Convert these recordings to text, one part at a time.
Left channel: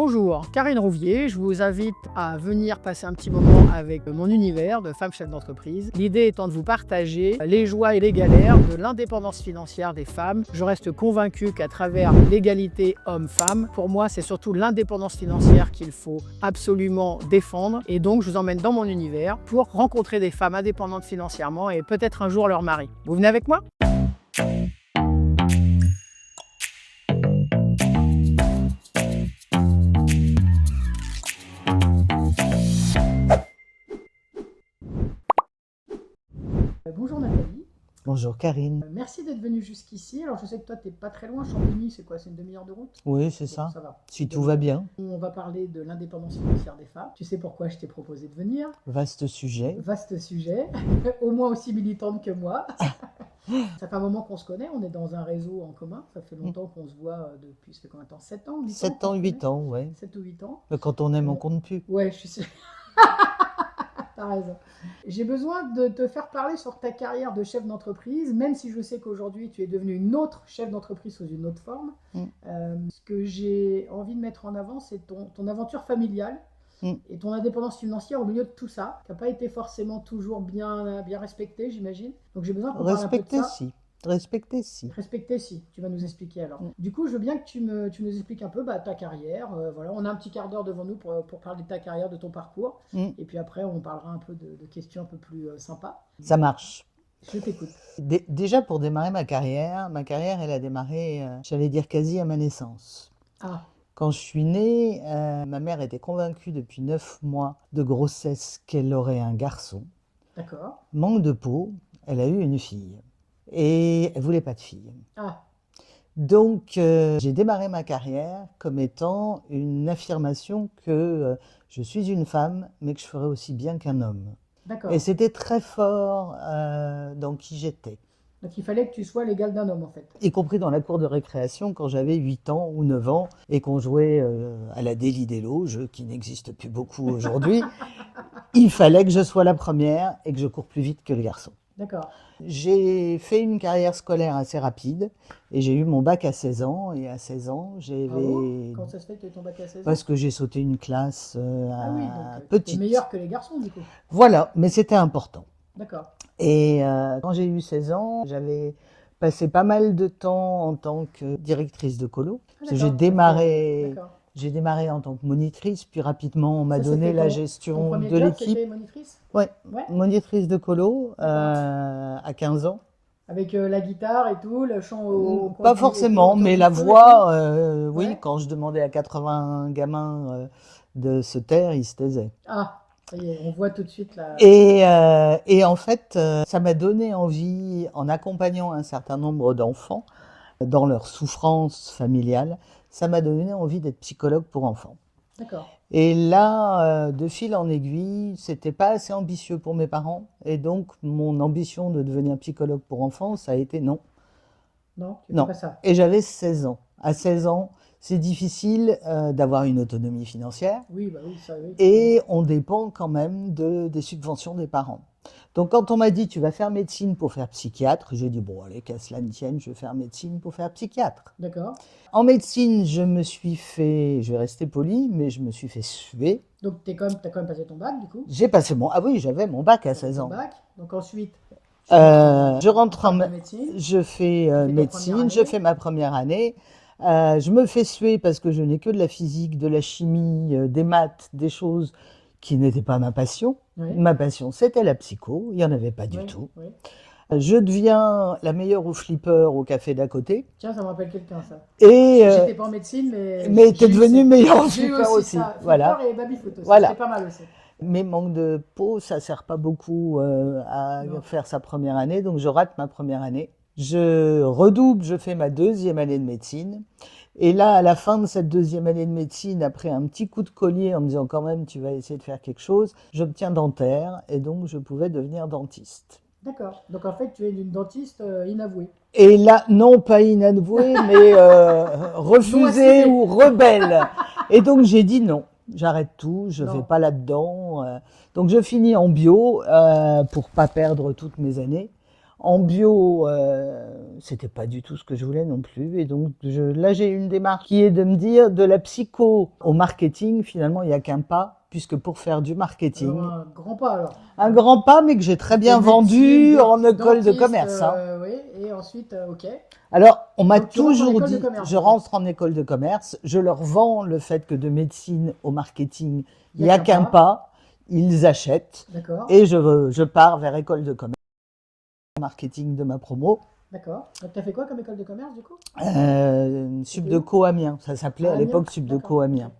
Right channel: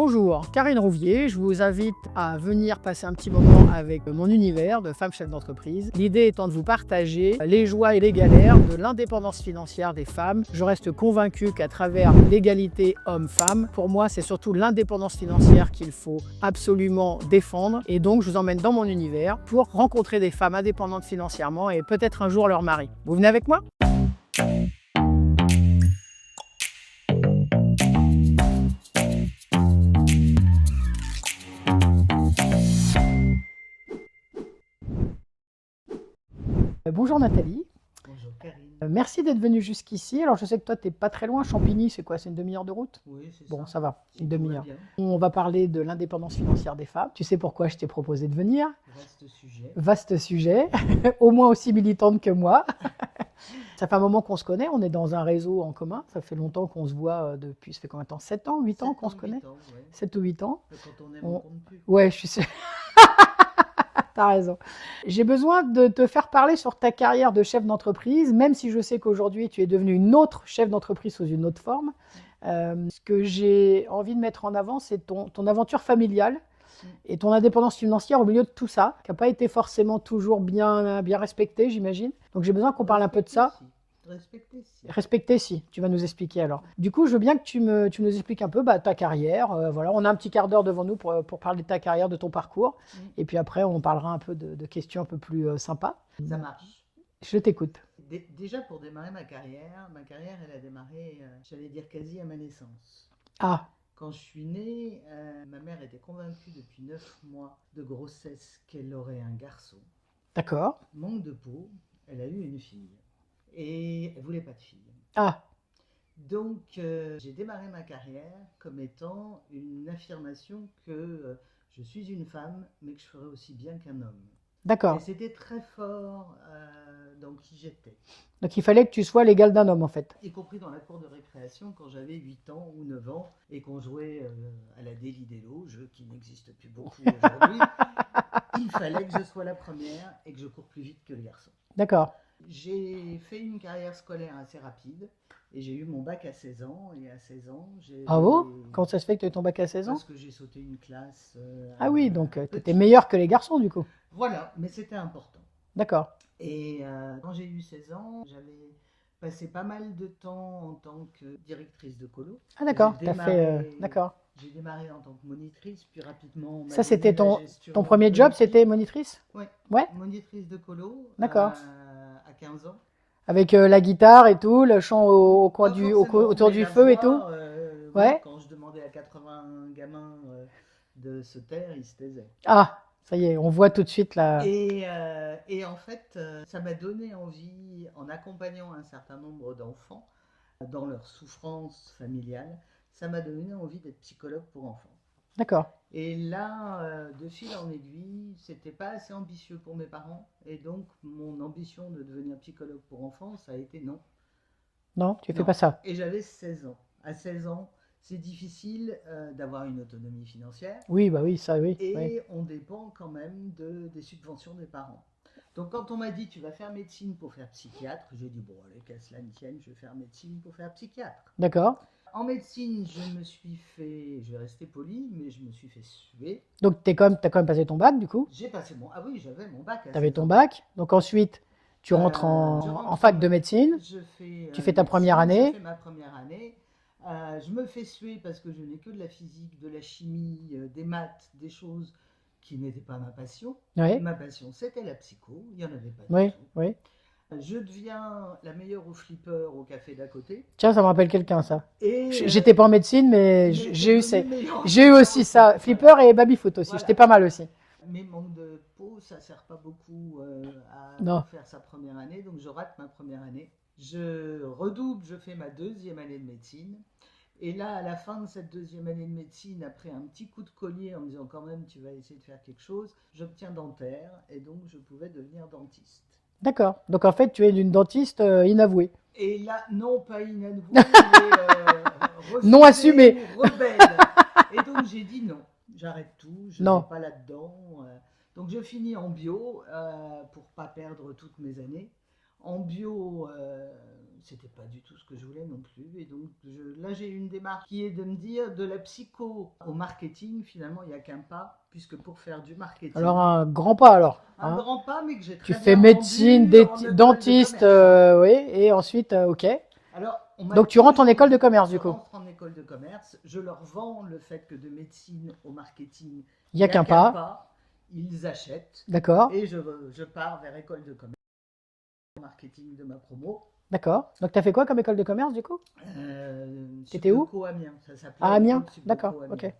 Bonjour, Karine Rouvier, je vous invite à venir passer un petit moment avec mon univers de femme chef d'entreprise. L'idée étant de vous partager les joies et les galères de l'indépendance financière des femmes. Je reste convaincue qu'à travers l'égalité homme-femme, pour moi c'est surtout l'indépendance financière qu'il faut absolument défendre. Et donc je vous emmène dans mon univers pour rencontrer des femmes indépendantes financièrement et peut-être un jour leur mari. Vous venez avec moi ? Bonjour Nathalie. Bonjour Karine. Merci d'être venue jusqu'ici. Alors je sais que toi tu n'es pas très loin, Champigny, c'est quoi? C'est une demi-heure de route? Oui, c'est Bon, ça. ça va. Si tout va bien. On va parler de l'indépendance financière des femmes. Tu sais pourquoi je t'ai proposé de venir? Vaste sujet. Vaste sujet, au moins aussi militante que moi. Ça fait un moment qu'on se connaît, on est dans un réseau en commun. Ça fait longtemps qu'on se voit depuis, ça fait combien de temps? 7 ans, 8 ans? 7 ans, 8 ans, ouais. 7 ou 8 ans. Mais quand on aime, on compte plus. Ouais, je suis sûre. T'as raison. J'ai besoin de te faire parler sur ta carrière de chef d'entreprise, même si je sais qu'aujourd'hui tu es devenue une autre chef d'entreprise sous une autre forme. Ce que j'ai envie de mettre en avant, c'est ton aventure familiale et ton indépendance financière au milieu de tout ça, qui n'a pas été forcément toujours bien respectée, j'imagine. Donc j'ai besoin qu'on parle un peu de ça. Respecter, si. Respecter, si. Tu vas nous expliquer alors. Du coup, je veux bien que tu nous expliques un peu ta carrière. Voilà, on a un petit quart d'heure devant nous pour parler de ta carrière, de ton parcours. Et puis après, on parlera un peu de questions un peu plus sympas. Ça marche. Je t'écoute. Déjà, pour démarrer ma carrière, elle a démarré, j'allais dire quasi à ma naissance. Ah, Quand je suis née, ma mère était convaincue depuis 9 mois de grossesse qu'elle aurait un garçon. d'accord. Manque de peau, elle a eu une fille. Et elle voulait pas de fille. Ah, Donc, j'ai démarré ma carrière comme étant une affirmation que je suis une femme, mais que je ferai aussi bien qu'un homme. d'accord. Et c'était très fort dans qui j'étais, Donc il fallait que tu sois l'égal d'un homme en fait. y compris dans la cour de récréation quand j'avais 8 ans ou 9 ans et qu'on jouait à la Délit-Délo, jeu qui n'existe plus beaucoup aujourd'hui. Il fallait que je sois la première et que je cours plus vite que les garçons. D'accord. J'ai fait une carrière scolaire assez rapide et j'ai eu mon bac à 16 ans. Et à 16 ans, Bravo. Comment ça se fait que tu aies ton bac à 16 ans? parce que j'ai sauté une classe Ah oui, donc tu étais petite. meilleur que les garçons du coup. Voilà, mais c'était important. D'accord. Et quand j'ai eu 16 ans, j'avais passé pas mal de temps en tant que directrice de colo. Ah Parce que d'accord. D'accord. J'ai démarré en tant que monitrice, puis rapidement on m'a Ça donné c'était la gestion ton premier de job, l'équipe. c'était monitrice? Ouais, Ouais. monitrice de colo D'accord. à 15 ans. Avec la guitare et tout, le chant au coin Pas du forcément, autour mais du la feu et voix, oui, Ouais. quand je demandais à 80 gamins de se taire, ils se taisaient. Ah, ça y est, on voit tout de suite la... Et en fait, ça m'a donné envie, en accompagnant un certain nombre d'enfants dans leur souffrance familiale, ça m'a donné envie d'être psychologue pour enfants. D'accord. Et là, de fil en aiguille, c'était pas assez ambitieux pour mes parents. Et donc, mon ambition de devenir psychologue pour enfants, ça a été non. Non, tu fais Non. pas ça. Et j'avais 16 ans. À 16 ans, c'est difficile d'avoir une autonomie financière. Oui, bah oui, ça oui. Et on dépend quand même des subventions des parents. Donc quand on m'a dit tu vas faire médecine pour faire psychiatre, j'ai dit bon allez qu'à cela ne tienne, je vais faire médecine pour faire psychiatre. D'accord. En médecine, je vais rester poli, mais je me suis fait suer. Donc t'as quand même passé ton bac du coup. Ah oui, j'avais mon bac à Tu avais 16 ton ans. bac. Donc ensuite, tu rentres Je rentre en fac en de médecine. Je fais Tu fais ta médecine, première année. je fais ma première année. Je me fais suer parce que je n'ai que de la physique, de la chimie, des maths, des choses qui n'étaient pas ma passion. Oui. Ma passion, c'était la psycho, il n'y en avait pas du Oui, tout. oui. Je deviens la meilleure au flipper au café d'à côté. Tiens, ça me rappelle quelqu'un ça. Et J'étais pas en médecine, mais t'es devenu meilleur au j'ai eu flipper aussi ça. Flipper Voilà. et baby-foot aussi. Voilà. C'était pas mal aussi. Mais manque de peau, ça sert pas beaucoup à Non. faire sa première année, donc je rate ma première année. Je redouble, je fais ma deuxième année de médecine. Et là, à la fin de cette deuxième année de médecine, après un petit coup de collier en me disant quand même tu vas essayer de faire quelque chose, j'obtiens dentaire et donc je pouvais devenir dentiste. D'accord. Donc en fait, tu es une dentiste inavouée. Et là, non pas inavouée, mais Non assumée. refusée ou rebelle. Et donc j'ai dit non, j'arrête tout, je ne Non. vais pas là-dedans. Donc je finis en bio pour pas perdre toutes mes années. En bio, c'était pas du tout ce que je voulais non plus. Et donc là, j'ai une démarche qui est de me dire, de la psycho au marketing, finalement, il n'y a qu'un pas, puisque pour faire du marketing, Alors, un grand pas alors. un Hein. grand pas, mais que j'ai très Tu bien fais médecine, vendu en école de dentiste, commerce. Hein. oui, et ensuite, ok. Alors, on m'a Donc tu rentres en toujours école de dit, commerce, je du coup. rentre en école de commerce, je leur vends le fait que de médecine au marketing, Il il n'y n'y a a qu'un qu'un pas. pas, ils achètent, D'accord, et je pars vers école de commerce, marketing de ma promo. d'accord. Donc tu as fait quoi comme école de commerce, du coup? C'était où? Subdeco Amiens, ça s'appelait À à Amiens? l'époque Subdeco D'accord, Amiens. ok.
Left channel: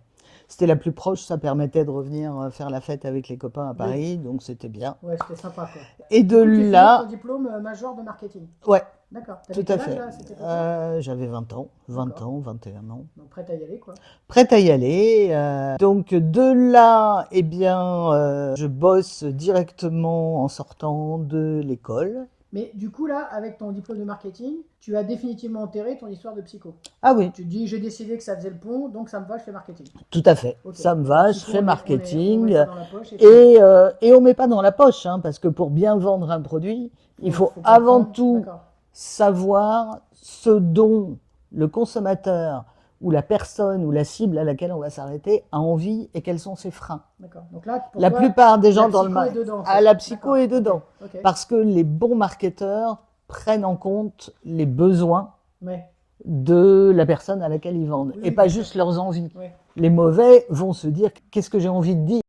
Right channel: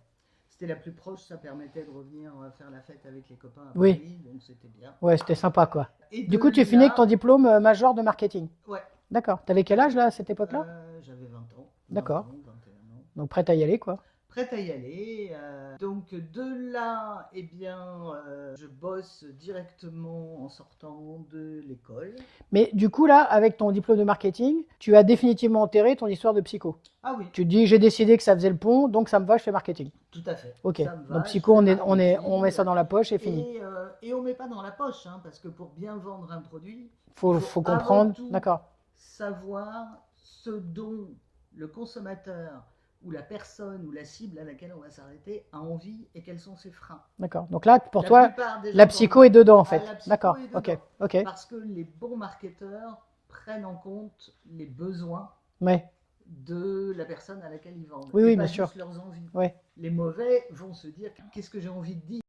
C'était la plus proche, ça permettait de revenir faire la fête avec les copains à Oui, Paris, donc c'était bien. ouais, c'était sympa, quoi. Et Du de coup, tu finis avec ton là, diplôme major de marketing. ouais, D'accord. tout T'avais quel à âge, fait. là, à cette époque-là? J'avais 20 D'accord. ans, 21 ans. Donc prête à y aller, quoi. Prête à y aller. Donc de là, eh bien, je bosse directement en sortant de l'école. Mais du coup, là, avec ton diplôme de marketing, tu as définitivement enterré ton histoire de psycho. Ah oui, Tu te dis, j'ai décidé que ça faisait le pont, donc ça me va, je fais marketing. tout à fait. Ok. Ça me Donc va, je psycho, fais on met marketing. ça dans la poche et fini. Et on met pas dans la poche, hein, parce que pour bien vendre un produit, il faut Faut avant comprendre. tout D'accord. savoir ce dont le consommateur ou la personne ou la cible à laquelle on va s'arrêter a envie et quels sont ses freins. D'accord. Donc là, pour La toi, plupart des gens la dans le psycho est dedans, en fait. la psycho D'accord. est Ok. dedans. Ok. Parce que les bons marketeurs prennent en compte les besoins Ouais. de la personne à laquelle ils vendent Oui, et oui, pas bien sûr. juste leurs envies. Ouais. Les mauvais vont se dire qu'est-ce que j'ai envie de dire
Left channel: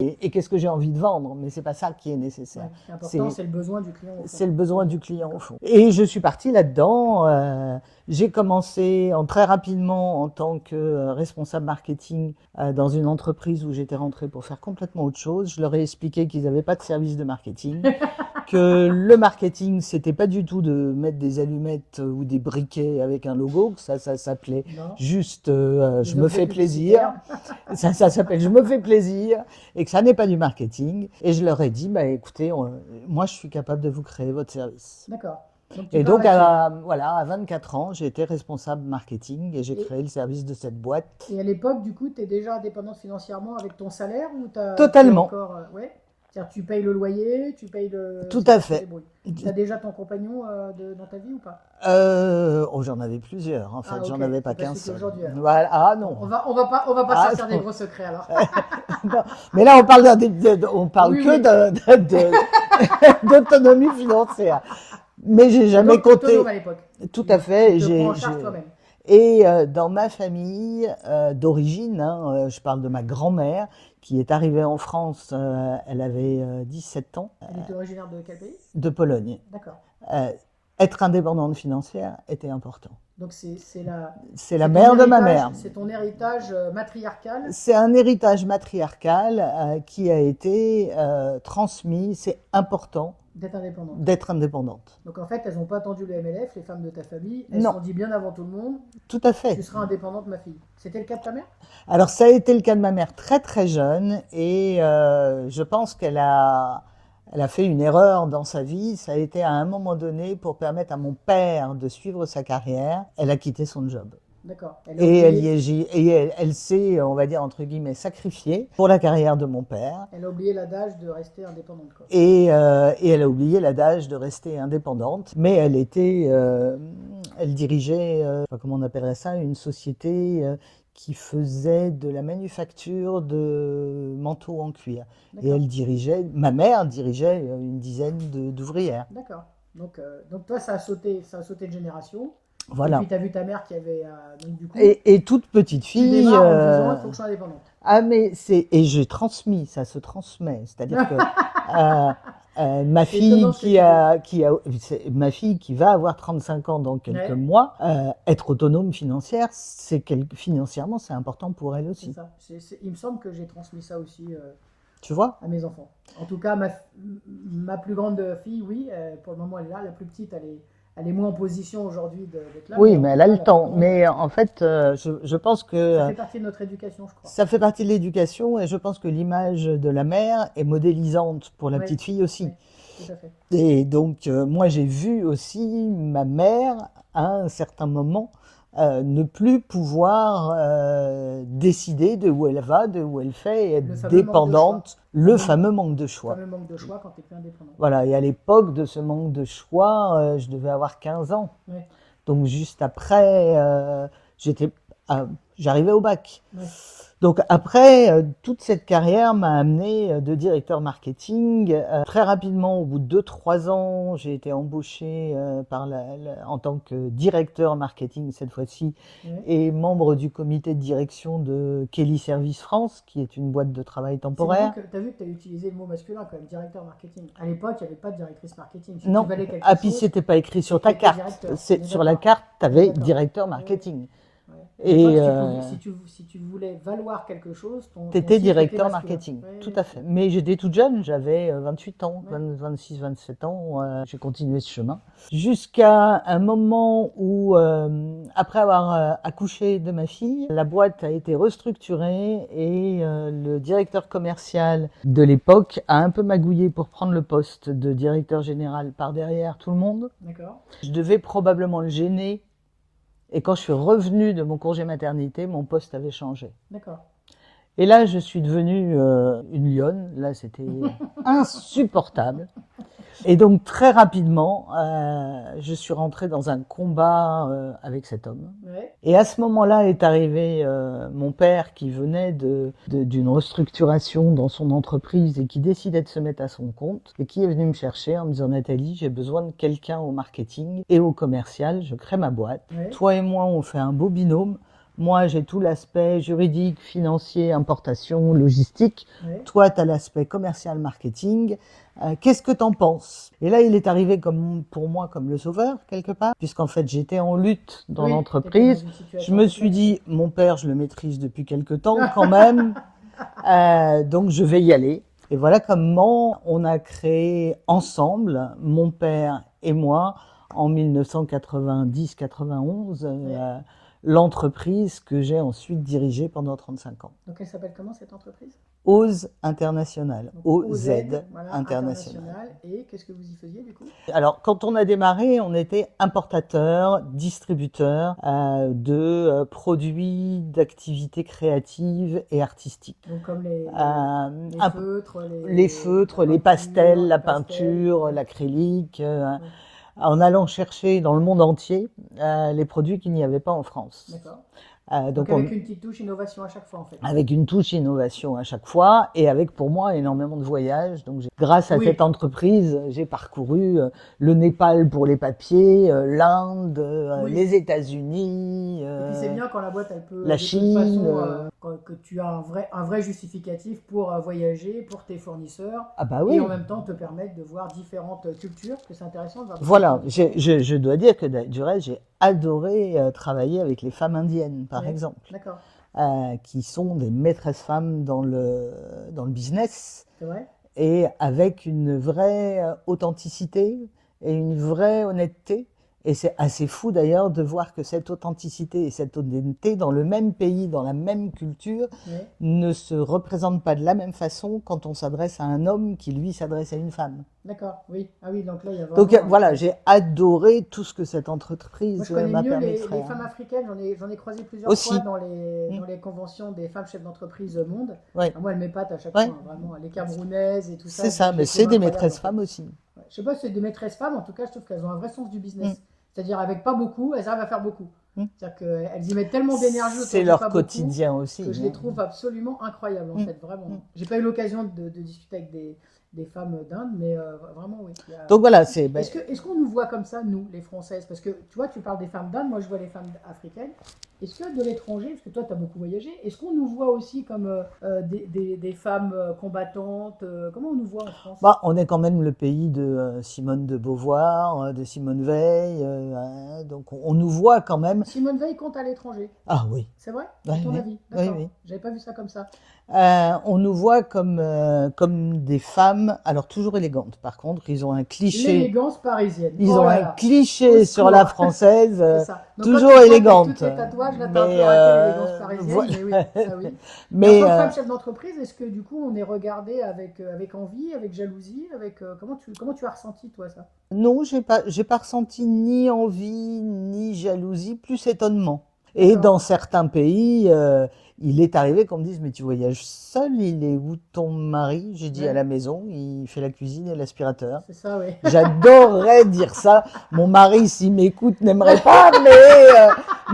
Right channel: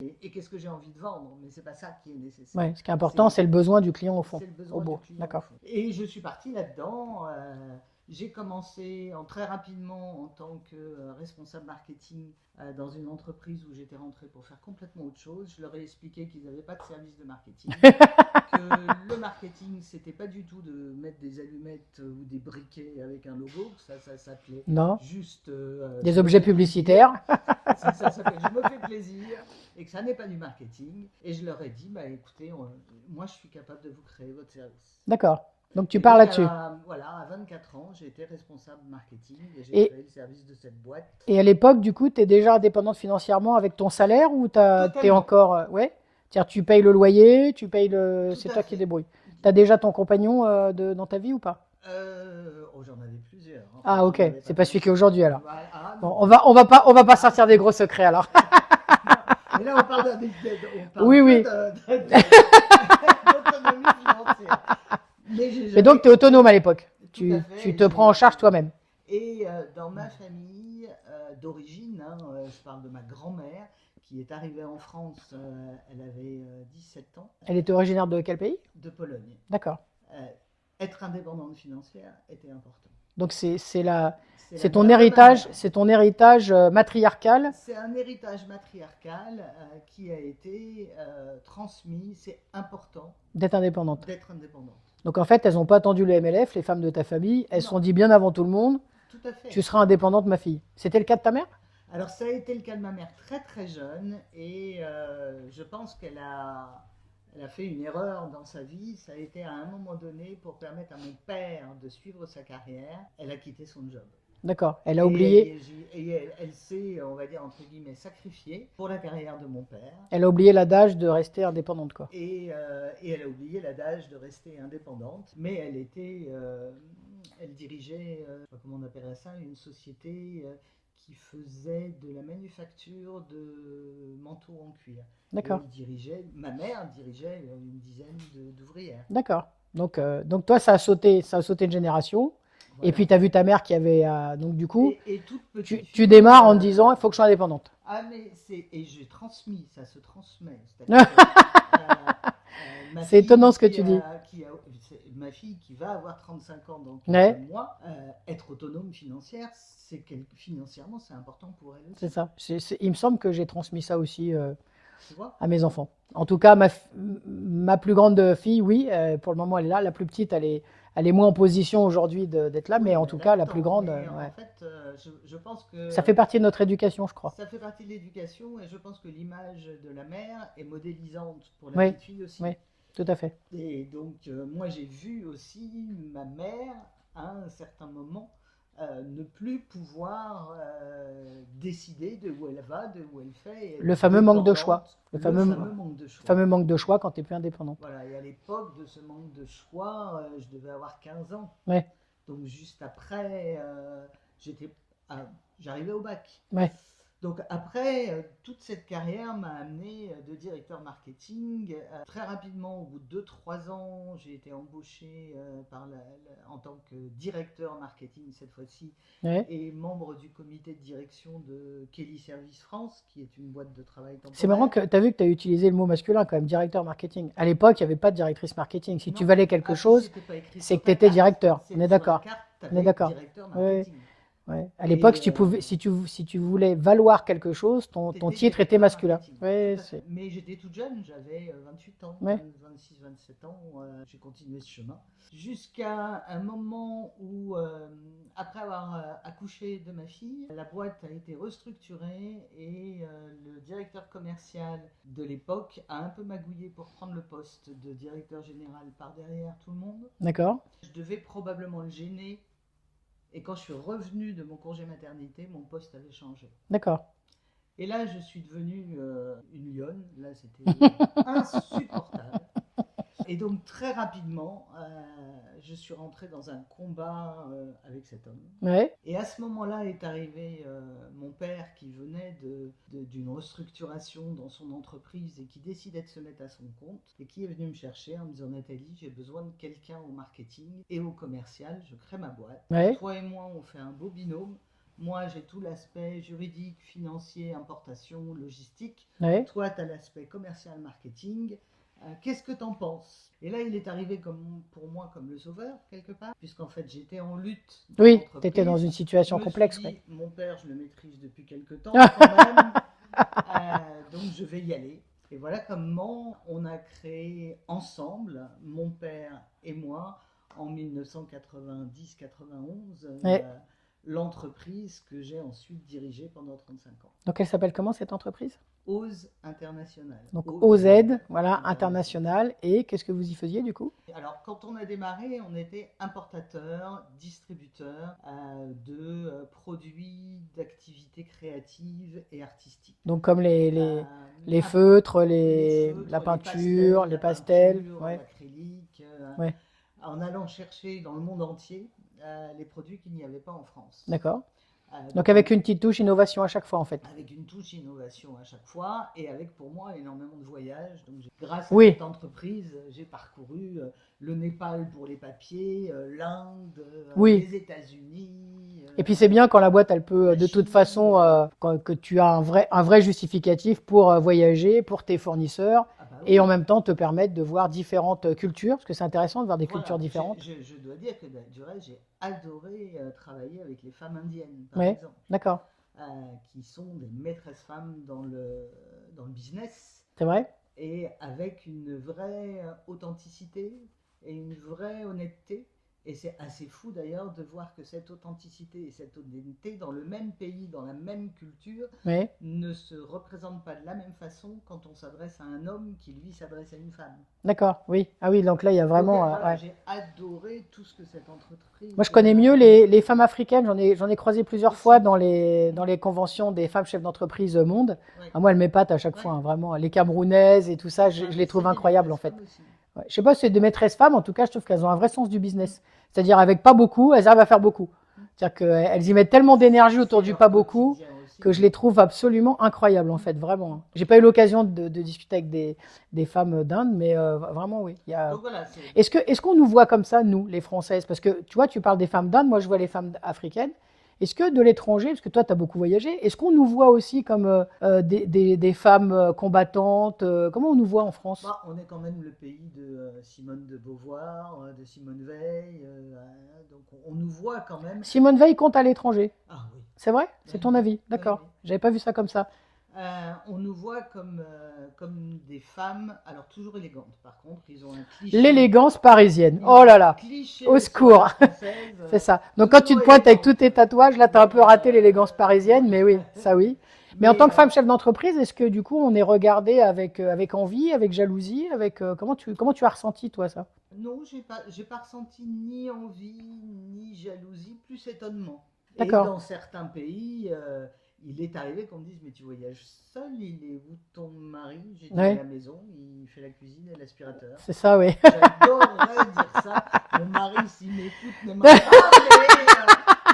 et qu'est-ce que j'ai envie de vendre, mais c'est pas ça qui est nécessaire. Ouais. Ce qui est important, C'est c'est le besoin du client, au fond. c'est le besoin Au du bout. client au D'accord. fond. Et je suis partie là-dedans. J'ai commencé très rapidement en tant que responsable marketing dans une entreprise où j'étais rentrée pour faire complètement autre chose. Je leur ai expliqué qu'ils n'avaient pas de service de marketing, que le marketing, c'était pas du tout de mettre des allumettes ou des briquets avec un logo, que ça s'appelait Non. juste Des je me objets fais publicitaires. plaisir. Ça s'appelle je me fais plaisir et que ça n'est pas du marketing. Et je leur ai dit, bah, écoutez, moi je suis capable de vous créer votre service. D'accord. Donc tu Et pars donc, là-dessus. voilà, à 24 ans, j'ai été responsable marketing et j'ai Et, créé le service de cette boîte. et à l'époque, du coup, tu es déjà indépendante financièrement avec ton salaire ou t'es Totalement, encore. Ouais. C'est-à-dire, tu payes le loyer, tu payes le. tout C'est à toi qui te fait. débrouilles. Tu as déjà ton compagnon dans ta vie ou pas? Oh, j'en avais plusieurs. En fait, Ah, ok. j'en avais pas C'est pas qu'un celui qui est seul. aujourd'hui alors. Voilà. Ah Bon, non. on va pas Ah sortir des non. gros secrets alors. Non. Mais là, on parle, on parle Oui, que oui. d'autonomie financière. Mais j'ai Et jamais donc, tu es autonome à compté. l'époque. Tout à fait. Tu te prends en charge toi-même. Et dans ma famille d'origine, hein, je parle de ma grand-mère qui est arrivée en France, elle avait 17 ans, Elle était originaire de quel pays? de Pologne. D'accord. Euh, Être indépendante financière était important. Donc, c'est C'est la ton mère de ma héritage, mère. c'est ton héritage matriarcal. C'est un héritage matriarcal qui a été transmis. C'est important D'être indépendante. d'être indépendante. Donc en fait, elles n'ont pas attendu le MLF, les femmes de ta famille. Elles se Non, sont dit bien avant tout le monde, tout à tu fait. seras indépendante, ma fille. C'était le cas de ta mère? Alors ça a été le cas de ma mère très très jeune et je pense elle a fait une erreur dans sa vie. Ça a été à un moment donné pour permettre à mon père de suivre sa carrière. Elle a quitté son job. D'accord. Elle a Et elle, oublié, elle s'est, on va dire, entre guillemets, sacrifiée pour la carrière de mon père. elle a oublié l'adage de rester indépendante, quoi. Et elle a oublié l'adage de rester indépendante. Mais elle dirigeait, je sais pas comment on appellerait ça, une société qui faisait de la manufacture de manteaux en cuir. Et D'accord. ma mère dirigeait une dizaine d'ouvrières. D'accord. Donc toi, ça a sauté de génération. Et Voilà. puis tu as vu ta mère qui avait. Donc du coup, Et toute petite tu fille. démarres en te disant, il faut que je sois indépendante. Ah, mais et j'ai transmis, ça se transmet. C'est-à-dire que ma C'est fille étonnant ce que tu dis. ma fille qui va avoir 35 ans dans quelques Ouais, mois, être autonome financièrement, c'est important pour elle c'est aussi. ça. Il me semble que j'ai transmis ça aussi Tu vois? à mes enfants. En tout cas, ma plus grande fille, oui, pour le moment, elle est là. La plus petite, elle est moins en position aujourd'hui d'être là, mais Oui, en mais tout elle a cas, le la plus temps. grande, Mais ouais. en fait, je pense que Ça fait partie de notre éducation, je crois. ça fait partie de l'éducation et je pense que l'image de la mère est modélisante pour la Oui, petite fille aussi. oui, tout à fait. Et donc, moi, j'ai vu aussi ma mère, à un certain moment, ne plus pouvoir décider de où elle va, de où elle fait, et être Le fameux manque de choix. dépendante. Le fameux manque de choix. Fameux manque de choix quand tu n'es plus indépendant. Voilà, et à l'époque de ce manque de choix, je devais avoir 15 ans. Ouais, Donc juste après, j'arrivais au bac. ouais. Donc après, toute cette carrière m'a amené de directeur marketing. Très rapidement, au bout de 2-3 ans, j'ai été embauché en tant que directeur marketing cette fois-ci Ouais. et membre du comité de direction de Kelly Service France, qui est une boîte de travail C'est marrant temporaire. que tu as vu que tu as utilisé le mot masculin quand même, directeur marketing. À l'époque, il n'y avait pas de directrice marketing. Si Non, tu valais quelque puis chose, c'était pas écrit c'est sur que ta tu étais carte. directeur. On est Sur la d'accord. carte, tu On est avais d'accord. directeur Ouais, ouais. marketing. Ouais. À Et l'époque, si tu voulais valoir quelque chose, ton tu étais titre était directeur masculin. marketing. Ouais, Tout à fait. Mais j'étais toute jeune, j'avais 28 ans, Ouais. 26, 27 ans. J'ai continué ce chemin. Jusqu'à un moment où, après avoir accouché de ma fille, la boîte a été restructurée et le directeur commercial de l'époque a un peu magouillé pour prendre le poste de directeur général par derrière tout le monde. D'accord. Je devais probablement le gêner. Et quand je suis revenue de mon congé maternité, mon poste avait changé. D'accord. Et là, je suis devenue une lionne. Là, c'était insupportable. Et donc, très rapidement, je suis rentrée dans un combat avec cet homme. Ouais. Et à ce moment-là est arrivé mon père qui venait d'une restructuration dans son entreprise et qui décidait de se mettre à son compte et qui est venu me chercher en me disant: Nathalie, j'ai besoin de quelqu'un au marketing et au commercial, je crée ma boîte. Ouais. Toi et moi, on fait un beau binôme. Moi, j'ai tout l'aspect juridique, financier, importation, logistique. Ouais. Toi, tu as l'aspect commercial, marketing. Qu'est-ce que tu en penses? Et là, il est arrivé pour moi comme le sauveur, quelque part, puisqu'en fait, j'étais en lutte dans Oui, tu étais dans l'entreprise. une Je situation me suis complexe. dit, mon père, je le maîtrise depuis quelque temps quand même, donc je vais y aller. Et voilà comment on a créé ensemble, mon père et moi, en 1990-91, Ouais. l'entreprise que j'ai ensuite dirigée pendant 35 ans. Donc, elle s'appelle comment cette entreprise? OZ International. Donc, OZ OZ, voilà, international. Et qu'est-ce que vous y faisiez du coup? Alors, quand on a démarré, on était importateur, distributeur de produits d'activités créatives et artistiques. Donc, comme les Un- feutres, les feutres, la les pastels, la pastels, peinture, ouais. l'acrylique, Ouais. en allant chercher dans le monde entier les produits qu'il n'y avait pas en France. D'accord. Donc Donc, avec une petite touche innovation à chaque fois en fait. avec une touche innovation à chaque fois et avec pour moi énormément de voyages. Donc grâce à Oui. cette entreprise, j'ai parcouru le Népal pour les papiers, l'Inde, Oui. les États-Unis. Et puis c'est bien quand la boîte, elle peut, la de toute Chine, façon, que tu as un vrai justificatif pour voyager, pour tes fournisseurs, Ah bah et oui. en même temps te permettre de voir différentes cultures, parce que c'est intéressant de voir des Voilà, cultures différentes. je dois dire que du reste, j'ai adoré travailler avec les femmes indiennes, par Ouais. exemple, D'accord, qui sont des maîtresses femmes dans le business. c'est vrai? Et avec une vraie authenticité et une vraie honnêteté. Et c'est assez fou d'ailleurs de voir que cette authenticité et cette honnêteté dans le même pays, dans la même culture, Oui. ne se représentent pas de la même façon quand on s'adresse à un homme qui lui s'adresse à une femme. D'accord, oui. Ah oui, donc là, il y a vraiment... Donc voilà, ouais. j'ai adoré tout ce que cette entreprise Moi, je connais m'a mieux permis de les faire. femmes africaines. J'en ai croisé plusieurs Aussi. fois dans les conventions des femmes chefs d'entreprise monde. Ouais. Ah, moi, elles m'épatent à chaque Ouais. fois, hein, vraiment. Les Camerounaises et tout ça, C'est je ça, les mais trouve c'est des incroyables, maîtresses en fait. femmes aussi. Ouais. Je sais pas si c'est des maîtresses femmes, en tout cas, je trouve qu'elles ont un vrai sens du business. C'est-à-dire, avec pas beaucoup, elles arrivent à faire beaucoup. C'est-à-dire qu'elles y mettent tellement d'énergie autour C'est du leur pas beaucoup quotidien aussi. que je les trouve absolument incroyables, en fait, vraiment. J'ai pas eu l'occasion de discuter avec des femmes d'Inde, mais vraiment, oui. Il y a... Donc voilà, Est-ce qu'on nous voit comme ça, nous, les Françaises? Parce que tu vois, tu parles des femmes d'Inde, moi je vois les femmes africaines. Est-ce que de l'étranger, parce que toi tu as beaucoup voyagé, est-ce qu'on nous voit aussi comme des femmes combattantes? Comment on nous voit en France? Bah, on est quand même le pays de Simone de Beauvoir, de Simone Veil, donc on nous voit quand même. Simone Veil compte à l'étranger, Ah oui. c'est vrai? C'est Oui, ton oui. avis? D'accord. Oui, oui. J'avais pas vu ça comme ça. On nous voit comme des femmes, alors toujours élégantes. Par contre, ils ont un cliché. L'élégance parisienne. Ils Oh ont là un là. Au cliché sur la secours. française, C'est ça. Donc quand tu toujours te pointes avec tous élégante. tes tatouages, là, tu as un peu Mais, raté l'élégance parisienne, voilà. mais oui, ça oui. Mais en Mais tant que femme chef d'entreprise, est-ce que du coup on est regardé avec envie, avec jalousie, comment tu as ressenti toi ça? non, j'ai pas ressenti ni envie, ni jalousie, plus étonnement. Et D'accord, dans certains pays, il est arrivé qu'on me dise, mais tu voyages seul, il est où ton mari? J'ai dit à ouais, la maison, il fait la cuisine et l'aspirateur. c'est ça, oui. J'adorerais dire ça. Mon mari, s'il m'écoute, n'aimerait pas,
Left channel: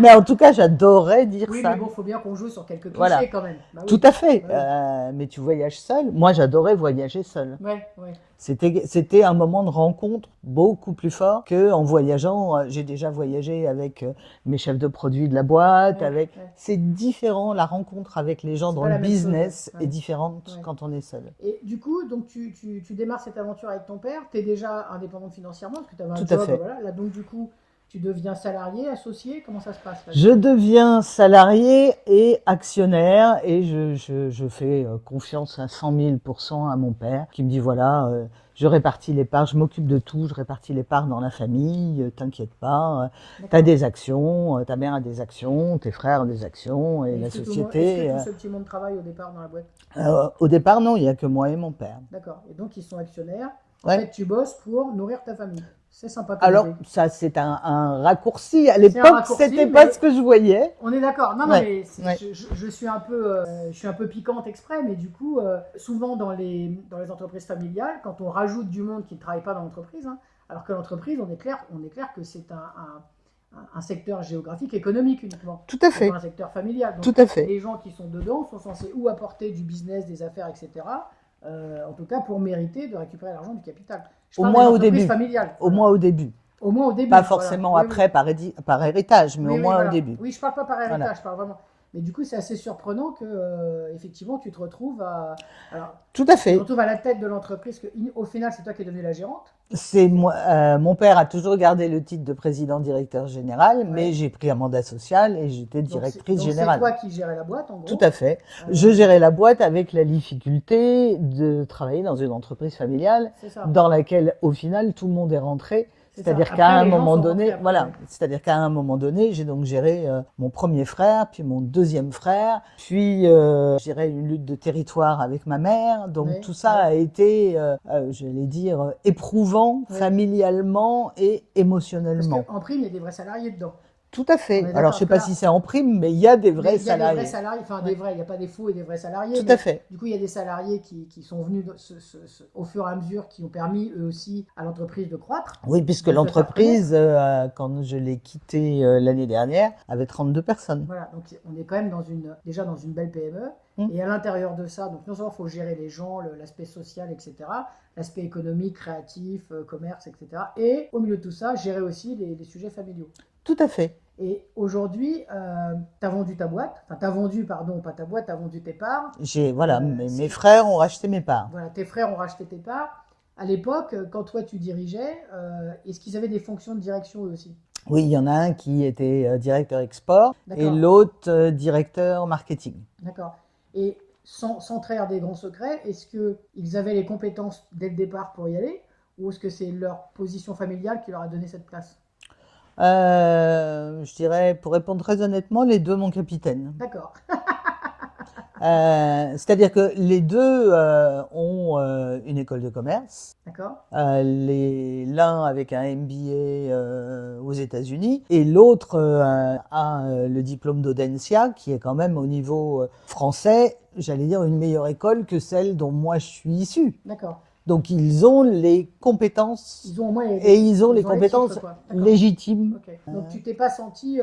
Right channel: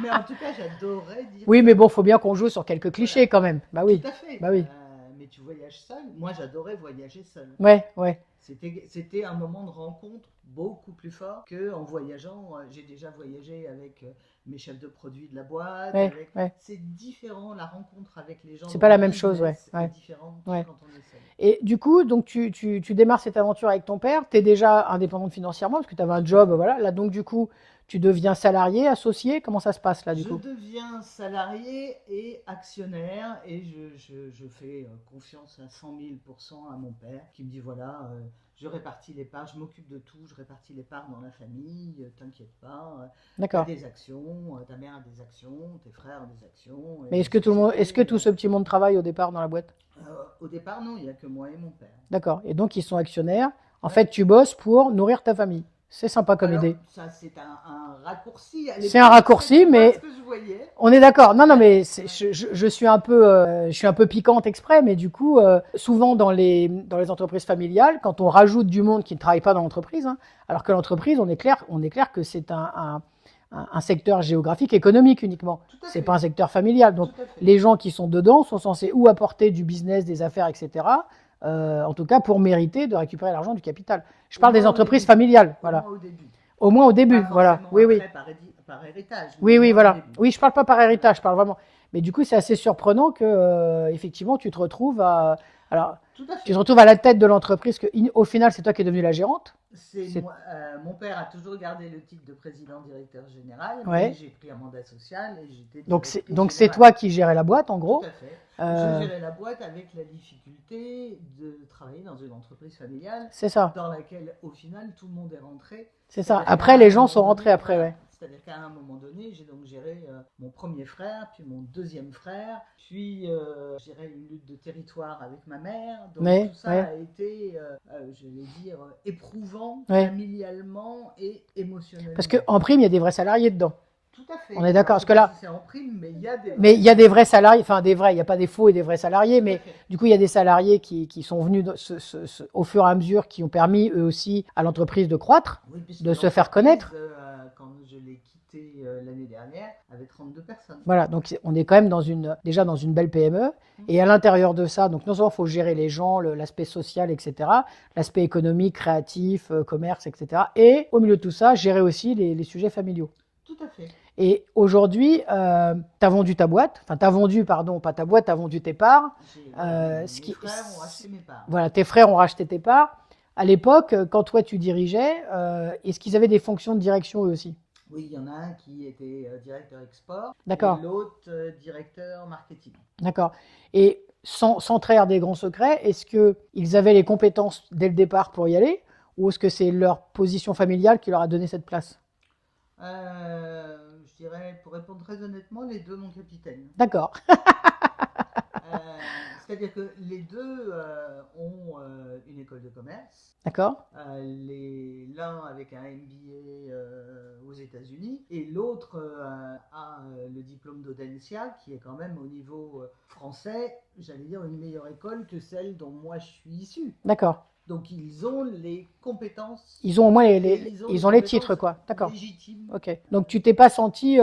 mais en tout cas, j'adorerais dire Oui, mais ça. bon, faut bien qu'on joue sur quelques clichés Voilà, quand même. Bah tout oui, à fait. bah oui. Mais tu voyages seul? Moi, j'adorais voyager seul. Ouais, ouais, C'était un moment de rencontre beaucoup plus fort que en voyageant. J'ai déjà voyagé avec mes chefs de produits de la boîte, ouais, ouais. c'est différent. La rencontre avec les gens C'est dans pas le la même chose, ouais, business est ouais, différente ouais. quand on est seul. Et du coup, donc tu démarres cette aventure avec ton père, tu es déjà indépendante financièrement parce que tu avais un Tout à job, fait. voilà. Là, donc du coup, tu deviens salarié, associé, comment ça se passe là du Je coup? deviens salarié et actionnaire et je fais confiance à 100 000% à mon père qui me dit voilà, je répartis les parts, je m'occupe de tout, je répartis les parts dans la famille, t'inquiète pas, t'as D'accord. des actions, ta mère a des actions, tes frères ont des actions et Mais la est-ce que société. tout ce petit monde travaille au départ dans la boîte? Au départ, non, il n'y a que moi et mon père. D'accord. Et donc ils sont actionnaires. En Ouais. fait, tu bosses pour nourrir ta famille. C'est sympa comme Alors, idée. ça, c'est un raccourci. À C'est un l'époque, raccourci, c'était pas mais ce que je voyais. on est d'accord. Non, non, Ouais, mais ouais, je suis un peu piquante exprès, mais du coup, souvent dans les entreprises familiales, quand on rajoute du monde qui ne travaille pas dans l'entreprise, hein, alors que l'entreprise, on est clair que c'est un secteur géographique, économique uniquement. tout à C'est pas un fait, secteur familial. Donc, tout à fait. les gens qui sont dedans sont censés ou apporter du business, des affaires, etc. En tout cas, pour mériter de récupérer l'argent du capital. Je Au parle des moins au entreprises début. familiales, Au voilà. moins au début. Au moins au Pas début, voilà. forcément Oui, oui. après par héritage, mais Oui, au oui, moins au voilà. début. Oui, je parle pas par Voilà. héritage, je parle vraiment. Mais du coup, c'est assez surprenant que, effectivement, alors, Tout à tu te fait. retrouves à la tête de l'entreprise, au final, c'est toi qui es devenue la gérante. C'est C'est, moi, mon père a toujours gardé le titre de président directeur général, mais ouais. j'ai pris un mandat social et j'étais Donc, c'est, directrice donc c'est générale. toi qui gérais la boîte, en Tout à gros. fait. Je Euh, gérais la boîte avec la difficulté de travailler dans une entreprise familiale c'est ça. dans laquelle, au final, tout le monde est rentré. C'est ça. C'est-à-dire qu'à Après, un les gens moment sont rentrés donné, après, voilà, ouais. c'est-à-dire qu'à un moment donné, j'ai donc géré mon premier frère, puis mon deuxième frère, puis je dirais une lutte de territoire avec ma mère. Donc Ouais, tout ça ouais, a été, j'allais dire, éprouvant ouais. familialement et Parce émotionnellement. qu'en prime, il y a des vrais salariés dedans. Tout à On fait. est Alors d'accord. je Parce sais que pas là, si c'est en prime, mais il y a des mais vrais il y a des vrais salariés. salariés, enfin des vrais, il n'y a pas des faux et des vrais salariés, Tout à mais fait. du coup il y a des salariés qui sont venus au fur et à mesure, qui ont permis eux aussi à l'entreprise de croître, Oui, puisque de se faire connaître. l'entreprise, quand je l'ai quittée l'année dernière, avait 32 personnes. Voilà, donc on est quand même déjà dans une belle PME. Hmm. Et à l'intérieur de ça, donc non seulement il faut gérer les gens, l'aspect social, etc., l'aspect économique, créatif, commerce, etc. Et au milieu de tout ça, gérer aussi les sujets familiaux. Tout à fait. Et aujourd'hui, tu as vendu ta boîte, enfin tu as vendu, pardon, pas ta boîte, tu as vendu tes parts. Voilà, Ce mes qui, frères ont racheté mes parts. voilà, tes frères ont racheté tes parts. À l'époque, quand toi tu dirigeais, est-ce qu'ils avaient des fonctions de direction eux aussi? Oui, il y en a un qui était directeur export et D'accord, l'autre directeur marketing. d'accord. Et sans trahir des grands secrets, est-ce qu'ils avaient les compétences dès le départ pour y aller, ou est-ce que c'est leur position familiale qui leur a donné cette place? Je dirais, pour répondre très honnêtement, les deux, mon capitaine. D'accord, C'est-à-dire que les deux ont une école de commerce. d'accord, L'un avec un MBA aux États-Unis et l'autre a le diplôme d'Audencia, qui est quand même au niveau français, j'allais dire une meilleure école que celle dont moi je suis issu. d'accord. Donc ils ont les compétences Ils ont au moins et ils ont les les titres, compétences quoi. D'accord. légitimes. Ok. Donc tu t'es pas senti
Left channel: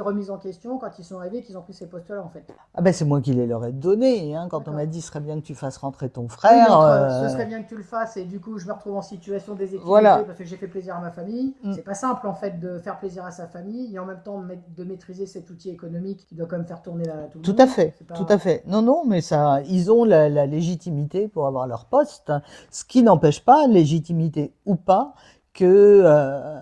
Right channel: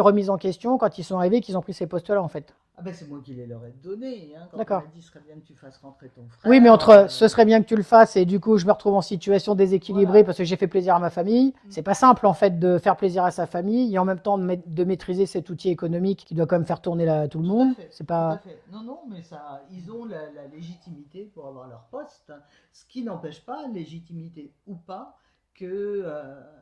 remise en question quand ils sont arrivés, qu'ils ont pris ces postes-là, en fait. Ah ben c'est moi qui les leur ai donnés, hein, quand on D'accord. m'a dit ce serait bien que tu fasses rentrer ton Oui, mais frère. entre ce serait bien que tu le fasses et du coup je me retrouve en situation déséquilibrée Voilà. parce que j'ai fait plaisir à ma famille. Mm. C'est pas simple en fait de faire plaisir à sa famille et en même temps de maîtriser cet outil économique qui doit quand même faire tourner tout le Tout monde. à fait, C'est tout pas. à fait. Non, non, mais ça, ils ont la légitimité pour avoir leur poste, hein. Ce qui n'empêche pas, légitimité ou pas, que,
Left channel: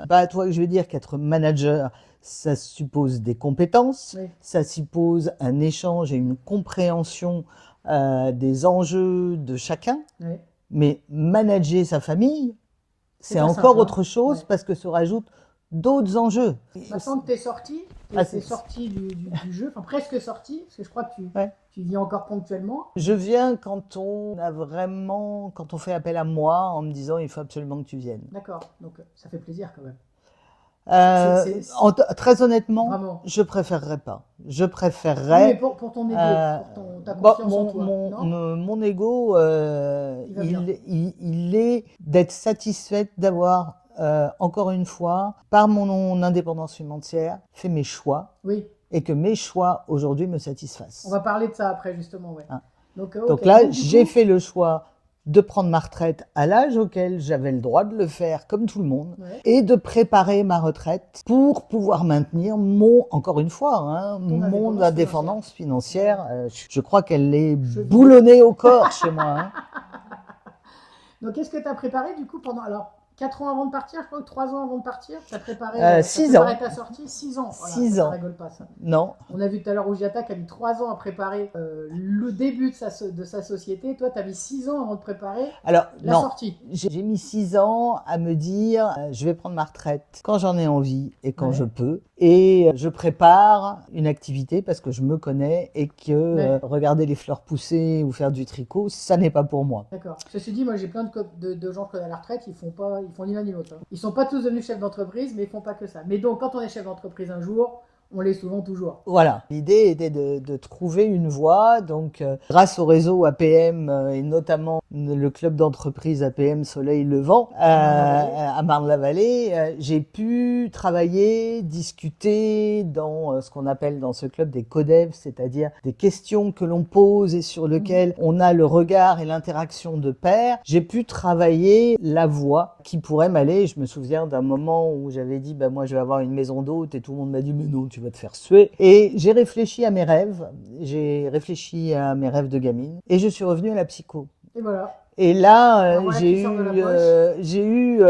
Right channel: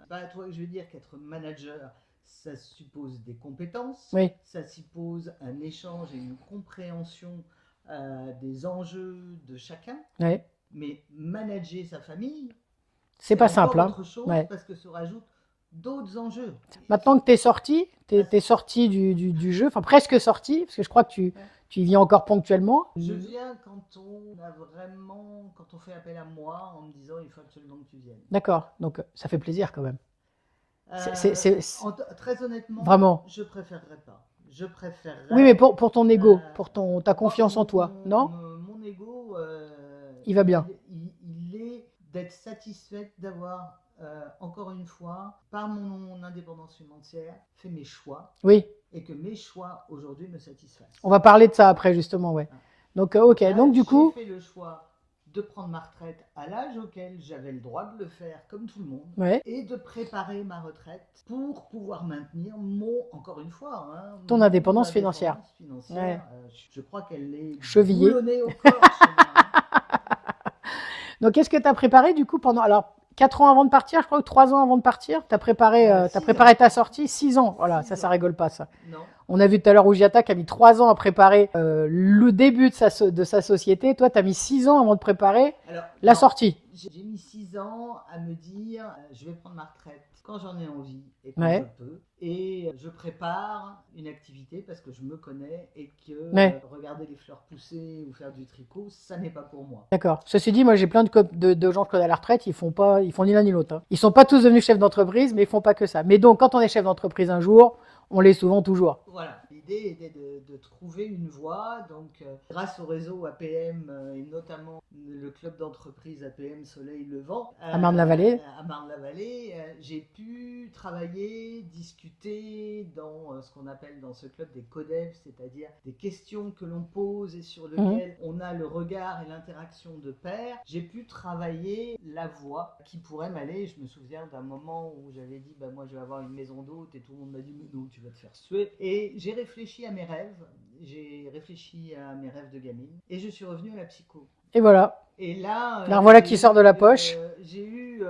bah, toi, je veux dire qu'être manager, ça suppose des compétences, Oui, ça suppose un échange et une compréhension des enjeux de chacun. ouais. Mais manager sa famille, C'est c'est pas encore simple, hein. autre chose Ouais. parce que se rajoutent d'autres enjeux. Maintenant que tu es sorti, Ah, t'es sorti du jeu, enfin presque sorti, parce que je crois que ouais. tu y viens encore ponctuellement. Je viens quand on fait appel à moi en me disant il faut absolument que tu viennes. D'accord, donc ça fait plaisir quand même. Euh, Très honnêtement, Vraiment. je préférerais pas. Je Oui, mais préférerais. pour ton ego, pour ta Bon, confiance en toi, non? mon ego, Il va bien. il est d'être satisfaite d'avoir, encore une fois, par mon indépendance financière, fait mes choix Oui, et que mes choix aujourd'hui me satisfassent. on va parler de ça après justement, ouais. Hein. Donc, Donc ok, là, donc du j'ai coup, fait le choix de prendre ma retraite à l'âge auquel j'avais le droit de le faire comme tout le monde ouais, et de préparer ma retraite pour pouvoir maintenir encore une fois, hein, ton mon indépendance financière. indépendance financière. Je crois qu'elle est Chevillée. boulonnée au corps chez moi. Hein. Donc, qu'est-ce que tu as préparé du coup pendant. Alors, 4 ans avant de partir, je crois, ou 3 ans avant de partir, tu as préparé, t'as 6 préparé ans. ta sortie 6 ans. Voilà, 6 ça ans. rigole pas, ça. Non. On a vu tout à l'heure Ougiata qui a mis 3 ans à préparer le début de sa société. Toi, tu as mis 6 ans avant de préparer Alors, la non. sortie. J'ai mis 6 ans à me dire, je vais prendre ma retraite quand j'en ai envie et quand Ouais. je peux. Et je prépare une activité parce que je me connais et que Ouais. regarder les fleurs pousser ou faire du tricot, ça n'est pas pour moi. D'accord. Ceci dit, moi j'ai plein de gens que je connais à la retraite, ils font ni l'un ni l'autre, hein. Ils sont pas tous devenus chefs d'entreprise, mais ils font pas que ça. Mais donc, quand on est chef d'entreprise un jour, on l'est souvent toujours. Voilà, l'idée était de trouver une voie. Donc, grâce au réseau APM et notamment le club d'entreprise APM Soleil Levant à Marne-la-Vallée, j'ai pu travailler, discuter dans ce qu'on appelle dans ce club des codev, c'est-à-dire des questions que l'on pose et sur lesquelles on a le regard et l'interaction de pair. J'ai pu travailler la voie qui pourrait m'aller. Je me souviens d'un moment où j'avais dit, moi je vais avoir une maison d'hôte et tout le monde m'a dit, mais non, tu vas te faire suer. Et j'ai réfléchi à mes rêves, de gamine et je suis revenue à la psycho. Et voilà. Et là, Alors voilà qui sort de la poche. J'ai eu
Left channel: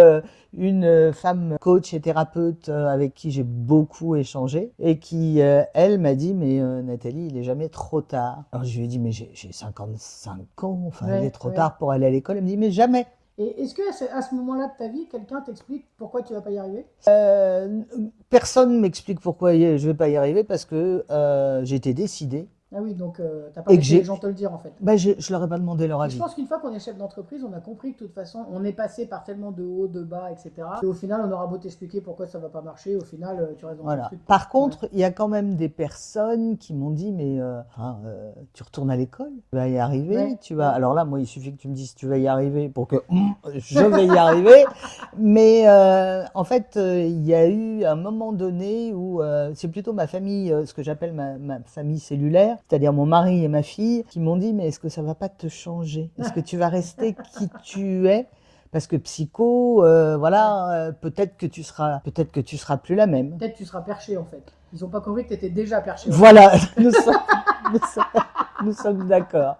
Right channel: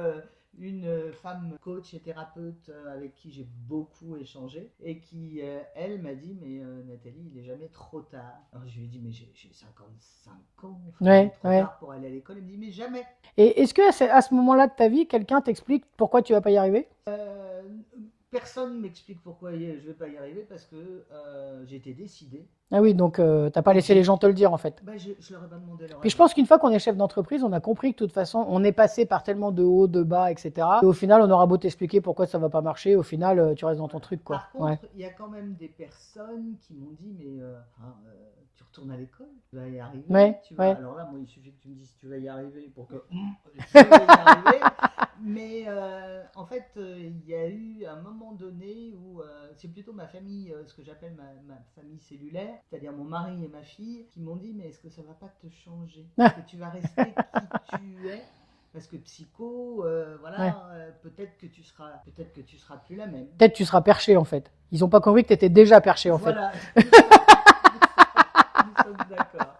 une femme coach et thérapeute avec qui j'ai beaucoup échangé et qui, elle, m'a dit, mais Nathalie, il n'est jamais trop tard. Alors je lui ai dit, mais j'ai 55 ans, enfin, il est trop tard pour aller à l'école. Elle me dit, mais jamais. Et est-ce que à ce moment-là de ta vie, quelqu'un t'explique pourquoi tu vas pas y arriver? Personne ne m'explique pourquoi je ne vais pas y arriver parce que j'étais décidé. Ah oui, donc t'as pas laissé les gens te le dire en fait. Je leur ai pas demandé leur Et avis. je pense qu'une fois qu'on est chef d'entreprise, on a compris que de toute façon, on est passé par tellement de hauts, de bas, etc. Et au final, on aura beau t'expliquer pourquoi ça va pas marcher, au final, tu restes dans ton truc, quoi. Par contre, il y a quand même des personnes qui m'ont dit, mais tu retournes à l'école, tu vas y arriver, tu vas. Alors là, moi, il suffit que tu me dises tu vas y arriver pour que je vais y arriver. Mais en fait, il y a eu un moment donné où c'est plutôt ma famille, ce que j'appelle ma famille cellulaire, c'est-à-dire mon mari et ma fille, qui m'ont dit, mais est-ce que ça va pas te changer? Est-ce que tu vas rester qui tu es? Parce que psycho, peut-être que tu seras plus la même. Peut-être tu seras perché en fait. Ils ont pas compris que tu étais déjà perché. Voilà, nous sommes d'accord.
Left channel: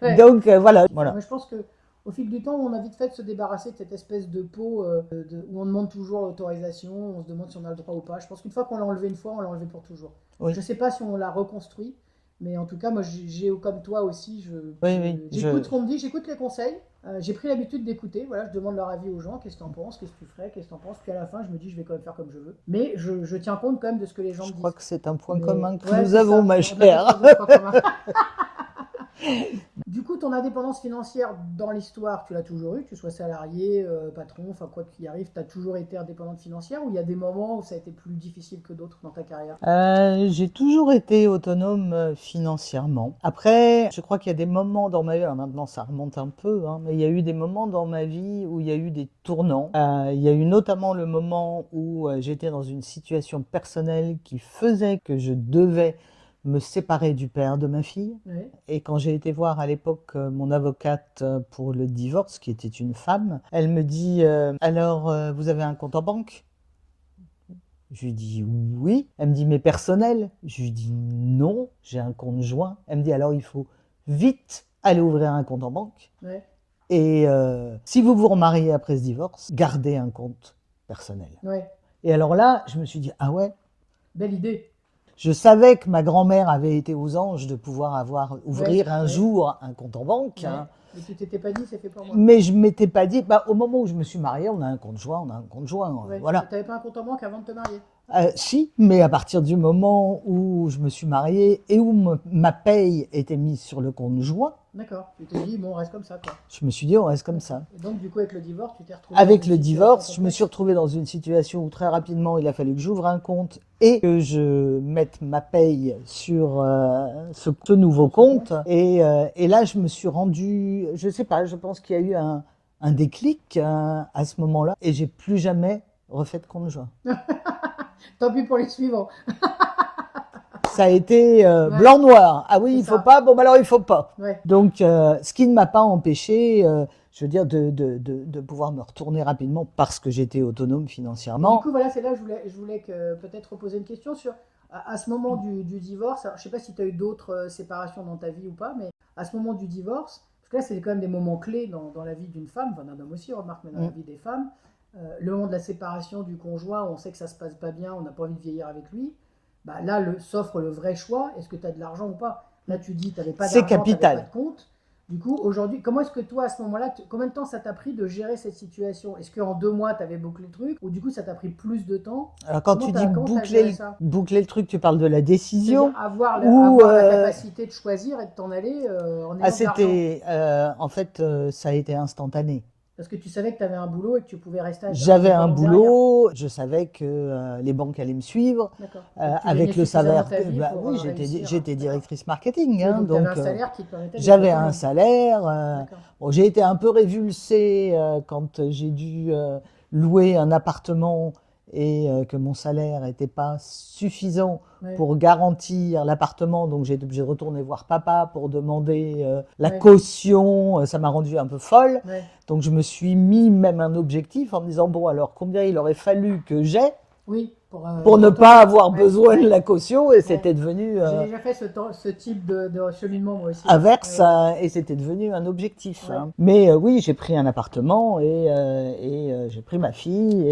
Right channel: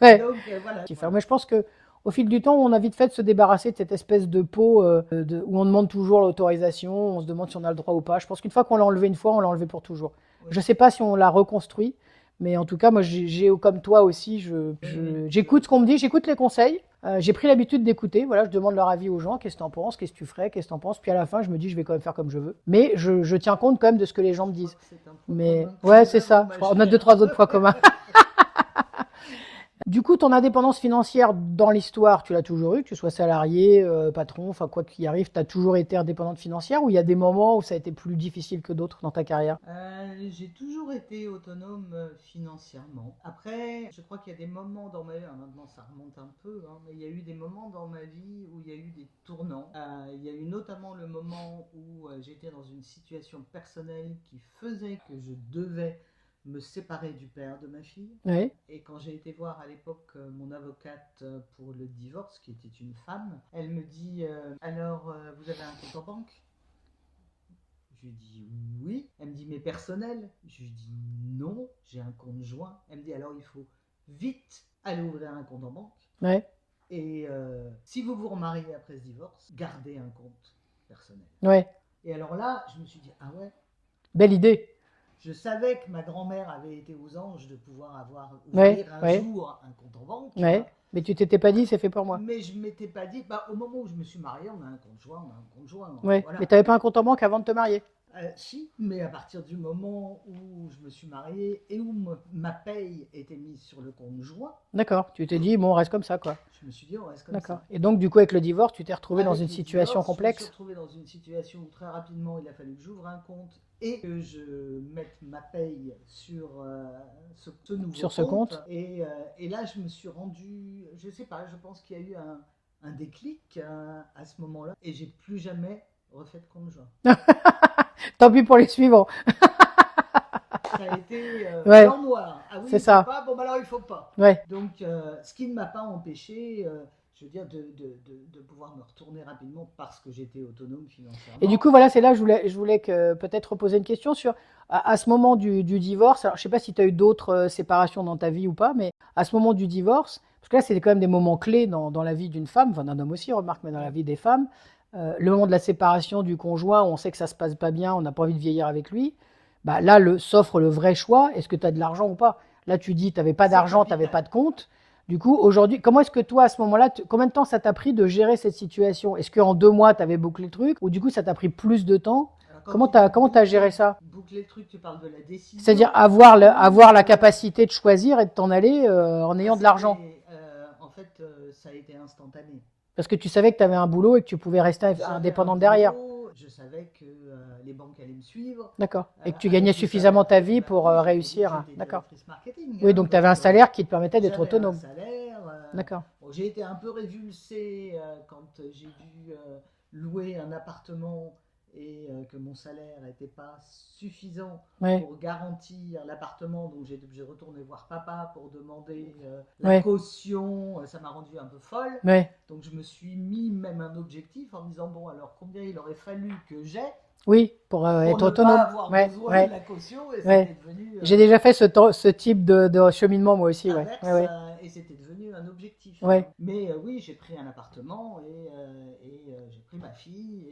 Ouais. Donc voilà. Mais je pense que au fil du temps, on a vite fait de se débarrasser de cette espèce de peau où on demande toujours l'autorisation, on se demande si on a le droit ou pas. Je pense qu'une fois qu'on l'a enlevé une fois, on l'a enlevé pour toujours. Oui. Je sais pas si on l'a reconstruit, mais en tout cas, moi, j'ai comme toi aussi, j'écoute ce qu'on me dit, j'écoute les conseils. J'ai pris l'habitude d'écouter. Voilà, je demande leur avis aux gens. Qu'est-ce que tu en penses? Qu'est-ce que tu ferais? Qu'est-ce que tu en penses? Puis à la fin, je me dis, je vais quand même faire comme je veux. Mais je tiens compte quand même de ce que les gens me disent. Je crois que c'est un point commun que nous avons, ma chère. On a 2-3 autres points communs. Du coup, ton indépendance financière dans l'histoire, tu l'as toujours eu, que tu sois salarié, patron, enfin quoi qu'il arrive, tu as toujours été indépendante financière ou il y a des moments où ça a été plus difficile que d'autres dans ta carrière? J'ai toujours été autonome financièrement. Après, je crois qu'il y a des moments dans ma vie, alors maintenant ça remonte un peu, mais il y a eu des moments dans ma vie où il y a eu des tournants. Il y a eu notamment le moment où j'étais dans une situation personnelle qui faisait que je devais me séparer du père de ma fille. Oui. Et quand j'ai été voir à l'époque mon avocate pour le divorce, qui était une femme, elle me dit alors vous avez un compte en banque? Je lui dis oui. Elle me dit mais personnel? Je lui dis non, j'ai un compte joint. Elle me dit alors il faut vite aller ouvrir un compte en banque. Ouais. Et si vous vous remariez après ce divorce, gardez un compte personnel. Ouais. Et alors là, je me suis dit ah ouais. Belle idée. Je savais que ma grand-mère avait été aux anges de pouvoir ouvrir un ouais. jour un compte en banque. Ouais. Mais tu t'étais pas dit, c'est fait pour moi. Mais je ne m'étais pas dit, au moment où je me suis mariée, on a un compte joint, Ouais. voilà. Mais tu n'avais pas un compte en banque avant de te marier? Si, mais à partir du moment où je me suis mariée et où ma paye était mise sur le compte joint, D'accord. Tu t'es dit, bon, on reste comme ça, quoi. je me suis dit, on reste comme D'accord. ça. Et donc, du coup, avec le divorce, tu t'es retrouvé dans Avec une le situation divorce, je me complexe? suis retrouvée dans une situation où très rapidement, il a fallu que j'ouvre un compte et que je mette ma paye sur ce nouveau Sur ce compte. compte. Et là, je me suis rendue, je sais pas, je pense qu'il y a eu un déclic à ce moment-là et j'ai plus jamais refait de compte joint. Tant pis pour les suivants. Ça a été Ouais. blanc-noir. Ah oui, C'est il ça. faut pas, bon, alors il faut pas. Ouais. Donc, ce qui ne m'a pas empêché, je veux dire, de pouvoir me retourner rapidement parce que j'étais autonome Et financièrement. du coup, voilà, c'est là que je voulais peut-être reposer une question sur, à ce moment du divorce. Alors, je sais pas si tu as eu d'autres séparations dans ta vie ou pas, mais à ce moment du divorce, parce que là, c'est quand même des moments clés dans la vie d'une femme, enfin d'un homme aussi, remarque, mais dans la vie des femmes. Le moment de la séparation du conjoint, où on sait que ça se passe pas bien, on n'a pas envie de vieillir avec lui. Bah, là, s'offre le vrai choix. Est-ce que tu as de l'argent ou pas? Là, tu dis, tu n'avais pas C'est d'argent, tu n'avais capital. pas de compte. Du coup, aujourd'hui, comment est-ce que toi, à ce moment-là, combien de temps ça t'a pris de gérer cette situation? Est-ce qu'en 2 mois, tu avais bouclé le truc? Ou du coup, ça t'a pris plus de temps? Alors, quand Comment tu tu dis as géré ça? boucler le truc, tu parles de la décision C'est-à-dire avoir ou, la capacité de choisir et de t'en aller en ayant de l'argent. en fait, ça a été instantané. Parce que tu savais que tu avais un boulot et que tu pouvais rester J'avais un indépendante derrière. boulot, je savais que les banques allaient me suivre. D'accord. Et que tu Avec gagnais le suffisamment salaire ta vie pour oui, réussir. j'étais D'accord. directrice marketing. Oui, hein, donc tu avais un donc, salaire qui te permettait d'être j'avais autonome. un salaire. D'accord. Bon, j'ai été un peu révulsée quand j'ai dû louer un appartement et que mon salaire n'était pas suffisant Ouais. pour garantir l'appartement. Donc j'ai été obligée de retourner voir papa pour demander la Ouais. caution. Ça m'a rendue un peu folle. Ouais. Donc je me suis mis même un objectif en me disant, bon alors combien il aurait fallu que j'ai Oui, pour pour être ne autonome. pas avoir Ouais, besoin ouais. de la caution, et c'était devenu J'ai déjà fait ce type de cheminement moi aussi. Ouais. inverse, Ouais, ouais. et c'était devenu un objectif. Ouais. hein. Mais oui, j'ai pris un appartement et j'ai pris ma fille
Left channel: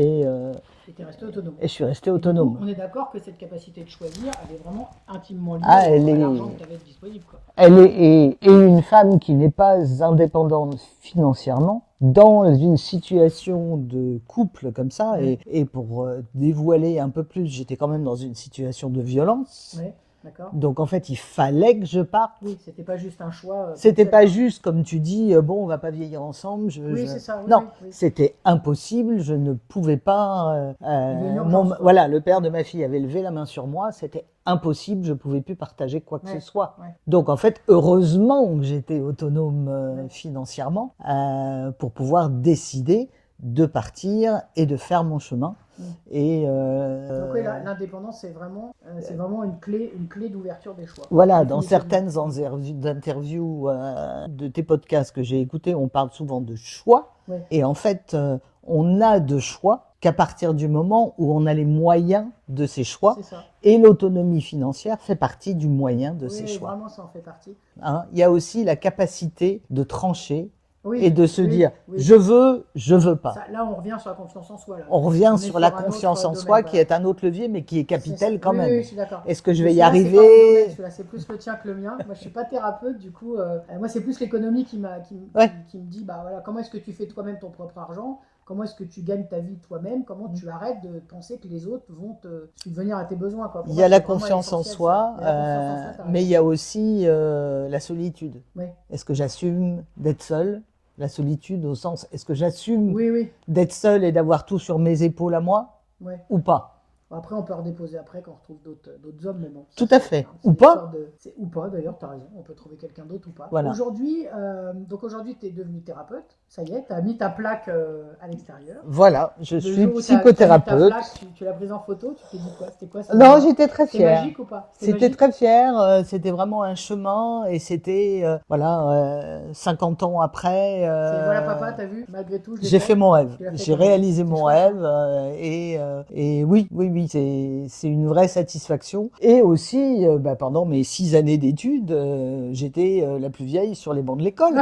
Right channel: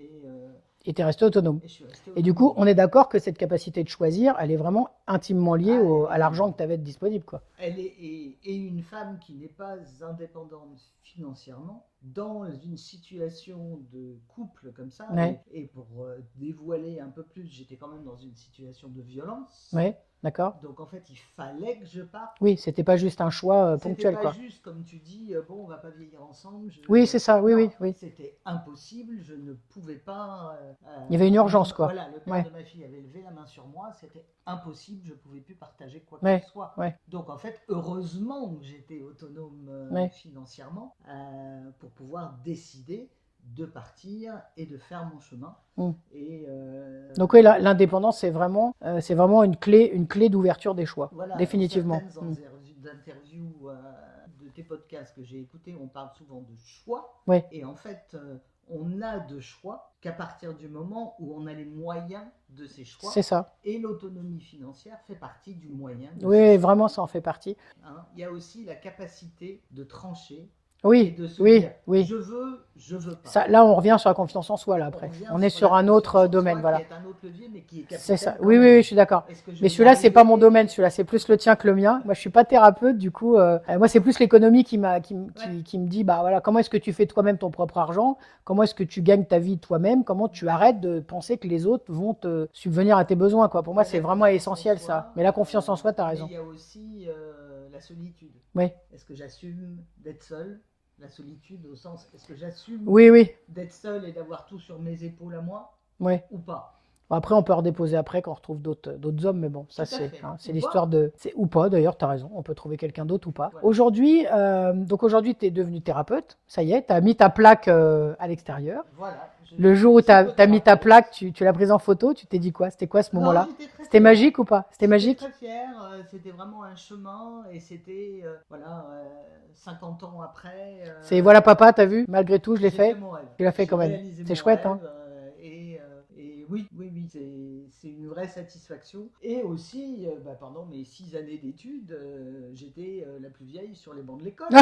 Et tu es resté autonome. et je suis resté Et du autonome. coup, on est d'accord que cette capacité de choisir, elle est vraiment intimement liée Elle à est- l'argent que tu avais disponible, quoi. Et une femme qui n'est pas indépendante financièrement, dans une situation de couple comme ça, Ouais. et pour dévoiler un peu plus, j'étais quand même dans une situation de violence. Ouais, d'accord. Donc en fait, il fallait que je parte. Oui, c'était pas juste un choix C'était ponctuel, pas quoi. juste comme tu dis, bon, on va pas vieillir ensemble. Oui, c'est ça, oui, non, oui, oui. c'était impossible. Je ne pouvais pas. Il y avait une urgence, quoi. Voilà, le père Ouais. de ma fille avait levé la main sur moi. C'était impossible. Je pouvais plus partager quoi que Ouais, ce soit. ouais. Donc en fait, heureusement que j'étais autonome Ouais. financièrement pour pouvoir décider de partir et de faire mon chemin. Mm. Et Donc oui, l'indépendance, c'est vraiment une clé d'ouverture des choix. voilà, dans Définitivement. certaines interviews de tes podcasts que j'ai écoutés, on parle souvent de choix. Ouais. Et en fait, on n'a de choix qu'à partir du moment où on a les moyens de ces choix. C'est ça. Et l'autonomie financière fait partie du moyen de ces Oui, choix. vraiment, ça en fait partie. Hein, il y a aussi la capacité de trancher Oui, et de se oui, dire oui. je veux pas. Ça, là, on revient sur la confiance en soi. Là, On après. revient On est sur la un confiance autre en domaine. soi Voilà. qui est un autre levier, mais qui est C'est ça. capital quand Oui, même. oui, je suis d'accord. Est-ce que je Mais vais y celui-là, arriver? c'est pas mon domaine. Celui-là, c'est plus le tien que le mien. Moi, je suis pas thérapeute, du coup, moi, c'est plus l'économie qui me dit, bah voilà, comment est-ce que tu fais toi-même ton propre argent? Comment est-ce que tu gagnes ta vie toi-même? Comment tu arrêtes de penser que les autres vont te subvenir à tes besoins, quoi? Pour Il y moi, a la c'est vraiment confiance en essentiel, soi, ça. Mais la confiance en soi, t'as mais raison. il y a aussi la solitude. Ouais. Est-ce que j'assume d'être seul? La solitude au sens, est-ce que j'assume Oui, oui. d'être seul et d'avoir tout sur mes épaules à moi Ouais. ou pas? Bon, après, on peut redéposer après quand on retrouve d'autres hommes, mais bon, ça, Tout à c'est, fait. hein, c'est Ou l'histoire de. Ou pas, d'ailleurs, tu as raison, on peut trouver quelqu'un d'autre ou pas. Voilà. Aujourd'hui, tu es devenu thérapeute, ça y est, tu as mis ta plaque à l'extérieur. Voilà, je Le suis jour où tu as mis ta psychothérapeute. plaque, tu l'as prise en photo, tu t'es dit quoi? C'était quoi ce Non, moment-là? j'étais très C'était fière. magique ou pas? C'était J'étais magique? très fière, c'était vraiment un chemin et c'était, 50 ans après. C'est voilà papa, t'as vu? Malgré tout, je l'ai J'ai fait. fait mon rêve. Tu l'as fait J'ai quand même. réalisé C'est mon chouette, rêve et oui, c'est une vraie satisfaction. Et aussi, pendant mes 6 années d'études, j'étais la plus vieille sur les bancs de l'école.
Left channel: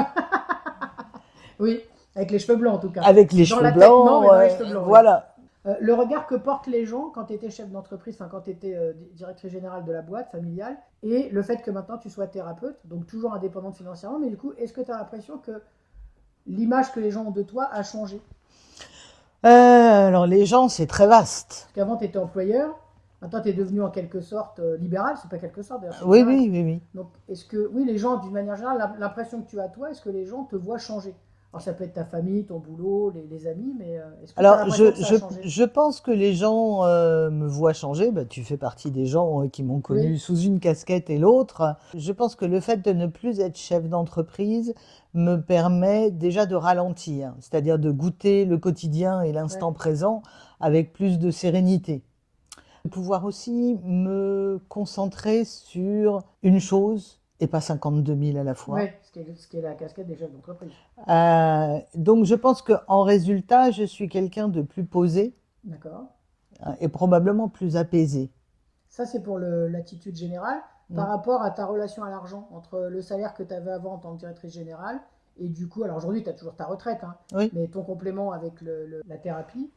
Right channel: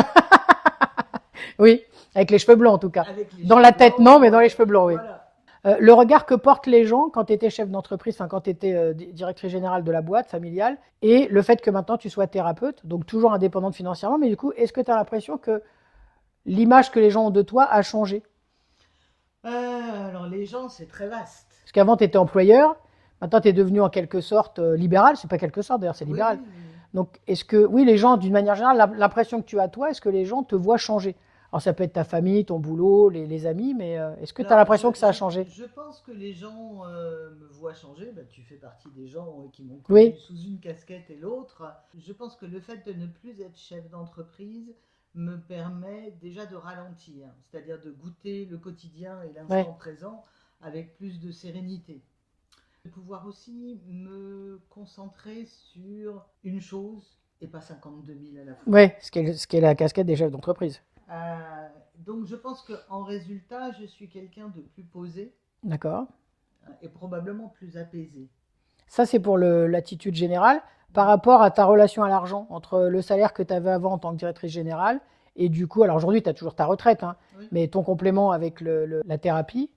Oui, avec les cheveux blancs en tout cas. Avec les Dans cheveux la tête, blancs, non, mais dans les cheveux blancs, oui. Voilà. Le regard que portent les gens quand tu étais chef d'entreprise, enfin quand tu étais directrice générale de la boîte familiale, et le fait que maintenant tu sois thérapeute, donc toujours indépendante financièrement, mais du coup, est-ce que tu as l'impression que l'image que les gens ont de toi a changé? Alors les gens, c'est très vaste. Parce qu'avant, tu étais employeur, maintenant tu es devenu en quelque sorte libéral, c'est pas quelque sorte d'ailleurs, c'est Oui, libéral. oui, oui, oui. Donc, est-ce que, oui, les gens, d'une manière générale, l'impression que tu as toi, est-ce que les gens te voient changer? Alors, ça peut être ta famille, ton boulot, les amis, mais est-ce que tu as Alors, l'impression que ça a changé? je pense que les gens me voient changer. Bah, tu fais partie des gens qui m'ont connu Oui, sous une casquette et l'autre. Je pense que le fait de ne plus être chef d'entreprise me permet déjà de ralentir, c'est-à-dire de goûter le quotidien et ouais, l'instant présent avec plus de sérénité. De pouvoir aussi me concentrer sur une chose et pas 52 000 à la fois. ouais, ce qui est la casquette des chefs d'entreprise. Donc je pense qu'en résultat, je suis quelqu'un de plus posé D'accord. et probablement plus apaisé. Ça, c'est pour l'attitude générale. Par Mm. rapport à ta relation à l'argent, entre le salaire que tu avais avant en tant que directrice générale, et du coup, alors aujourd'hui, tu as toujours ta retraite, hein, Oui, mais ton complément avec la thérapie,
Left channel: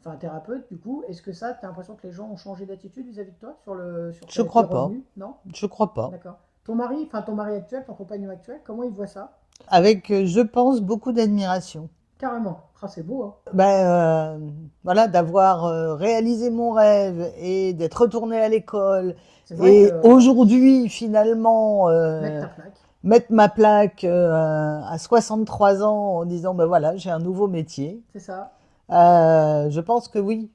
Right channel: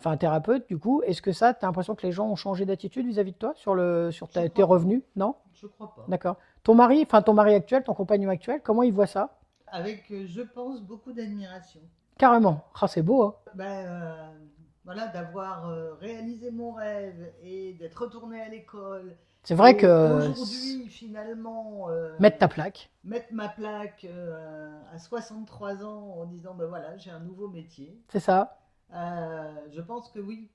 enfin un thérapeute, du coup, est-ce que ça, tu as l'impression que les gens ont changé d'attitude vis-à-vis de toi sur je tes crois pas. revenus? Non? Je crois pas. D'accord. Ton mari actuel, ton compagnon actuel, comment il voit ça? Avec, je pense, beaucoup d'admiration. Carrément. Ah, c'est beau, hein? Ben, voilà, d'avoir réalisé mon rêve et d'être retourné à l'école. C'est vrai Et que aujourd'hui, finalement, mettre ta plaque, mettre ma plaque à 63 ans en disant, ben voilà, j'ai un nouveau métier. c'est ça. Je pense que oui.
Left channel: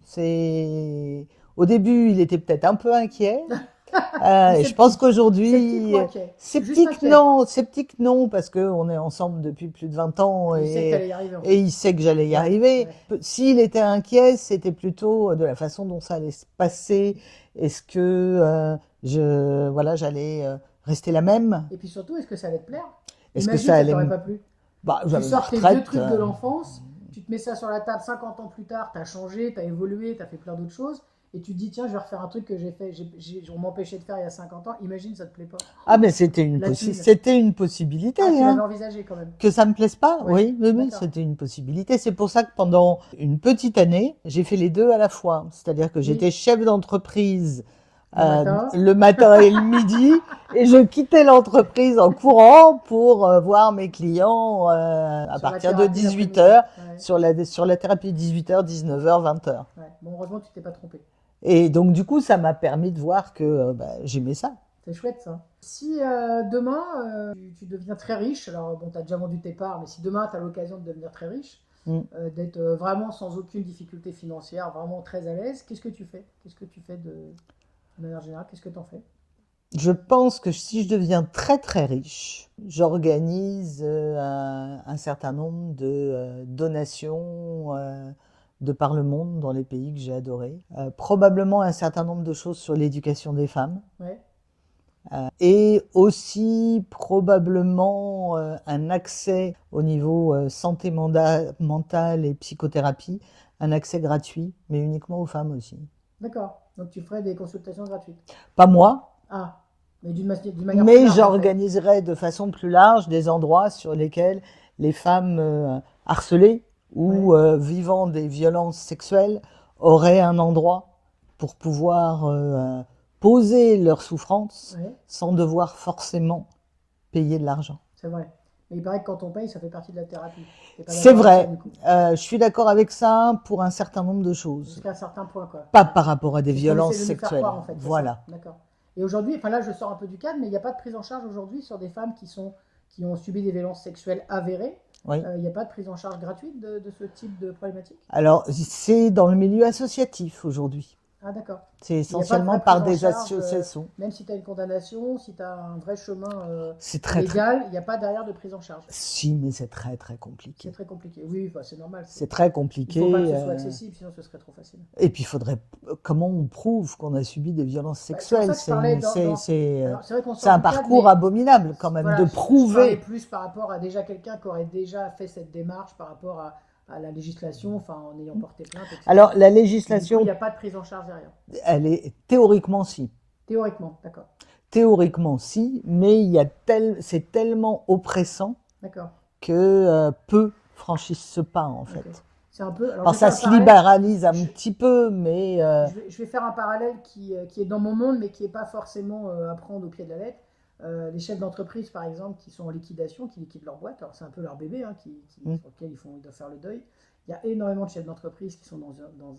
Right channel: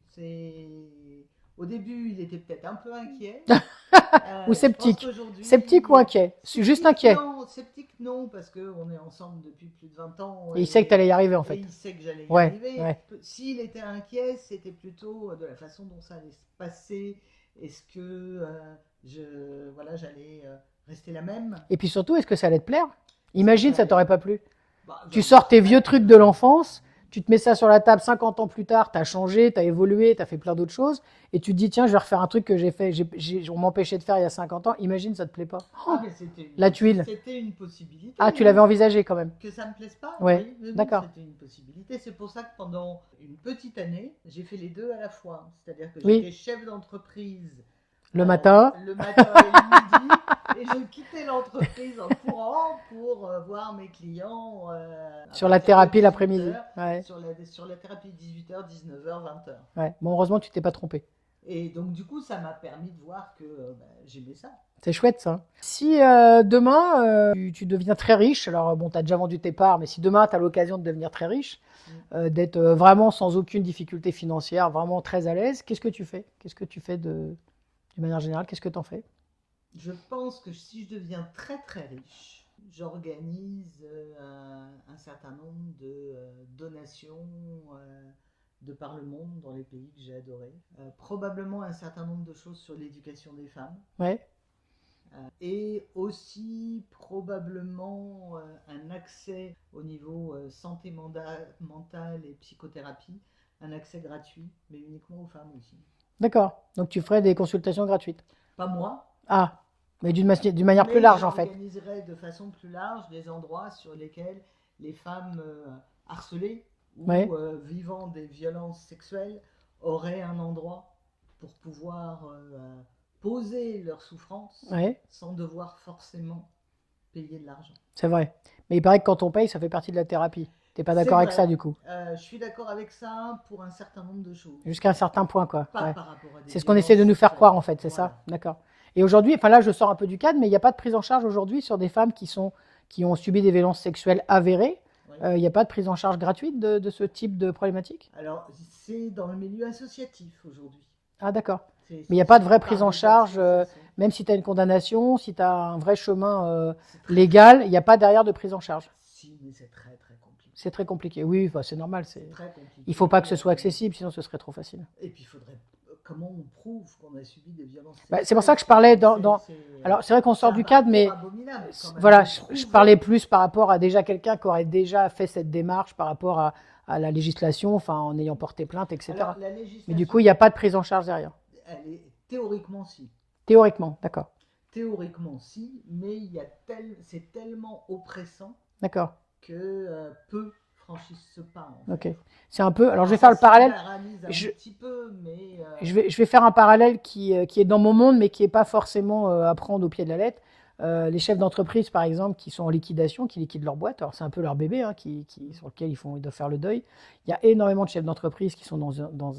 Au début, il était peut-être un peu inquiet. Ou Et je pense sceptique. Sceptique ou qu'aujourd'hui, inquiet? Juste inquiet. sceptique non, parce qu'on est ensemble depuis plus de 20 ans Et il sait que tu allais y arriver, en et fait. il sait que j'allais y Ouais, arriver. ouais. S'il était inquiet, c'était plutôt de la façon dont ça allait se passer. Est-ce que voilà, j'allais rester la même? Et puis surtout, est-ce que ça allait te plaire? Est-ce que Imagine, ça ça allait t'aurait me... pas plu. Bah, Tu j'avais une sors tes vieux retraite. trucs de l'enfance, tu te mets ça sur la table 50 ans plus tard, tu as changé, tu as évolué, tu as fait plein d'autres choses, et tu te dis, tiens, je vais refaire un truc que j'ai fait, on m'empêchait de faire il y a 50 ans. Imagine, ça te plaît pas. Ah, mais La tuile. c'était une possibilité, Ah, tu l'avais hein. envisagé quand même. Que ça me plaise pas? Ouais, Oui, oui, oui, d'accord. c'était une possibilité. C'est pour ça que pendant une petite année, j'ai fait les deux à la fois. C'est-à-dire que Oui, j'étais chef d'entreprise le matin, le matin et le midi, et je quittais l'entreprise en courant pour voir mes clients à sur la partir de thérapie 18 l'après-midi. heures Ouais, sur la thérapie 18 h, 19 h, 20 h. ouais. Bon, heureusement, tu t'es pas trompé. Et donc, du coup, ça m'a permis de voir que bah, j'aimais ça. C'est chouette ça. Si demain tu deviens très riche, alors bon, tu as déjà vendu tes parts, mais si demain tu as l'occasion de devenir très riche, Mm. d'être vraiment sans aucune difficulté financière, vraiment très à l'aise, qu'est-ce que tu fais? Qu'est-ce que tu fais de manière générale? Qu'est-ce que tu en fais? Je pense que si je deviens très très riche, j'organise un certain nombre de donations de par le monde dans les pays que j'ai adorés. Probablement un certain nombre de choses sur l'éducation des femmes. Ouais, Et aussi probablement un accès au niveau santé mentale et psychothérapie, un accès gratuit, mais uniquement aux femmes aussi. d'accord. Donc tu ferais des consultations gratuites. Pas moi, Ah, mais d'une manière plus mais large en fait. j'organiserai de façon plus large des endroits sur lesquels les femmes harcelées Ouais, ou vivant des violences sexuelles auraient un endroit pour pouvoir poser leurs souffrances ouais, sans devoir forcément payer de l'argent. c'est vrai. Mais il paraît que quand on paye, ça fait partie de la thérapie. T'es pas C'est d'accord avec ça vrai, du coup? je suis d'accord avec ça pour un certain nombre de choses, Jusqu'à un certain point, quoi. pas Ouais. par rapport à des C'est ce qu'on essaie violences de nous faire croire, sexuelles. en fait, c'est ça? Voilà. D'accord. Et aujourd'hui, enfin là, je sors un peu du cadre, mais il n'y a pas de prise en charge aujourd'hui sur des femmes qui ont subi des violences sexuelles avérées. Oui. Il n'y a pas de prise en charge gratuite de ce type de problématique? Alors, c'est dans le milieu associatif aujourd'hui. Ah, d'accord. C'est Mais il n'y a pas de essentiellement vraie prise par en des charge, associations. même si tu as une condamnation, si tu as un vrai chemin C'est très, très... légal, il n'y a pas derrière de prise en charge. Si, mais c'est très, très compliqué. C'est très compliqué. Oui, bah, c'est normal. C'est très Il compliqué. ne faut pas que ce soit accessible, sinon ce serait trop facile. Et puis, il faudrait... Comment on prouve qu'on a subi des violences Bah, c'est pour sexuelles? ça que je parlais C'est Alors, c'est vrai qu'on c'est sort un du cadre, parcours mais abominable, quand même, voilà, de je parlais prouver. plus par rapport à déjà quelqu'un qui aurait déjà fait cette démarche par rapport à la législation, enfin en ayant porté plainte, Alors, etc. la Et du coup, il législation, n'y a pas de prise en charge derrière. elle est théoriquement si. Théoriquement, d'accord. Théoriquement si, mais c'est tellement oppressant D'accord. que peu franchissent ce pas, en Ok. fait. C'est un peu. Alors, Alors je vais ça faire le se parallèle. libéralise un Je, petit peu, mais je vais faire un parallèle qui est dans mon monde, mais qui n'est pas forcément à prendre au pied de la lettre. Les chefs d'entreprise, par exemple, qui sont en liquidation, qui liquident leur boîte, alors c'est un peu leur bébé, hein, sur lequel ils doivent faire le deuil. Il y a énormément de chefs d'entreprise qui sont dans une dans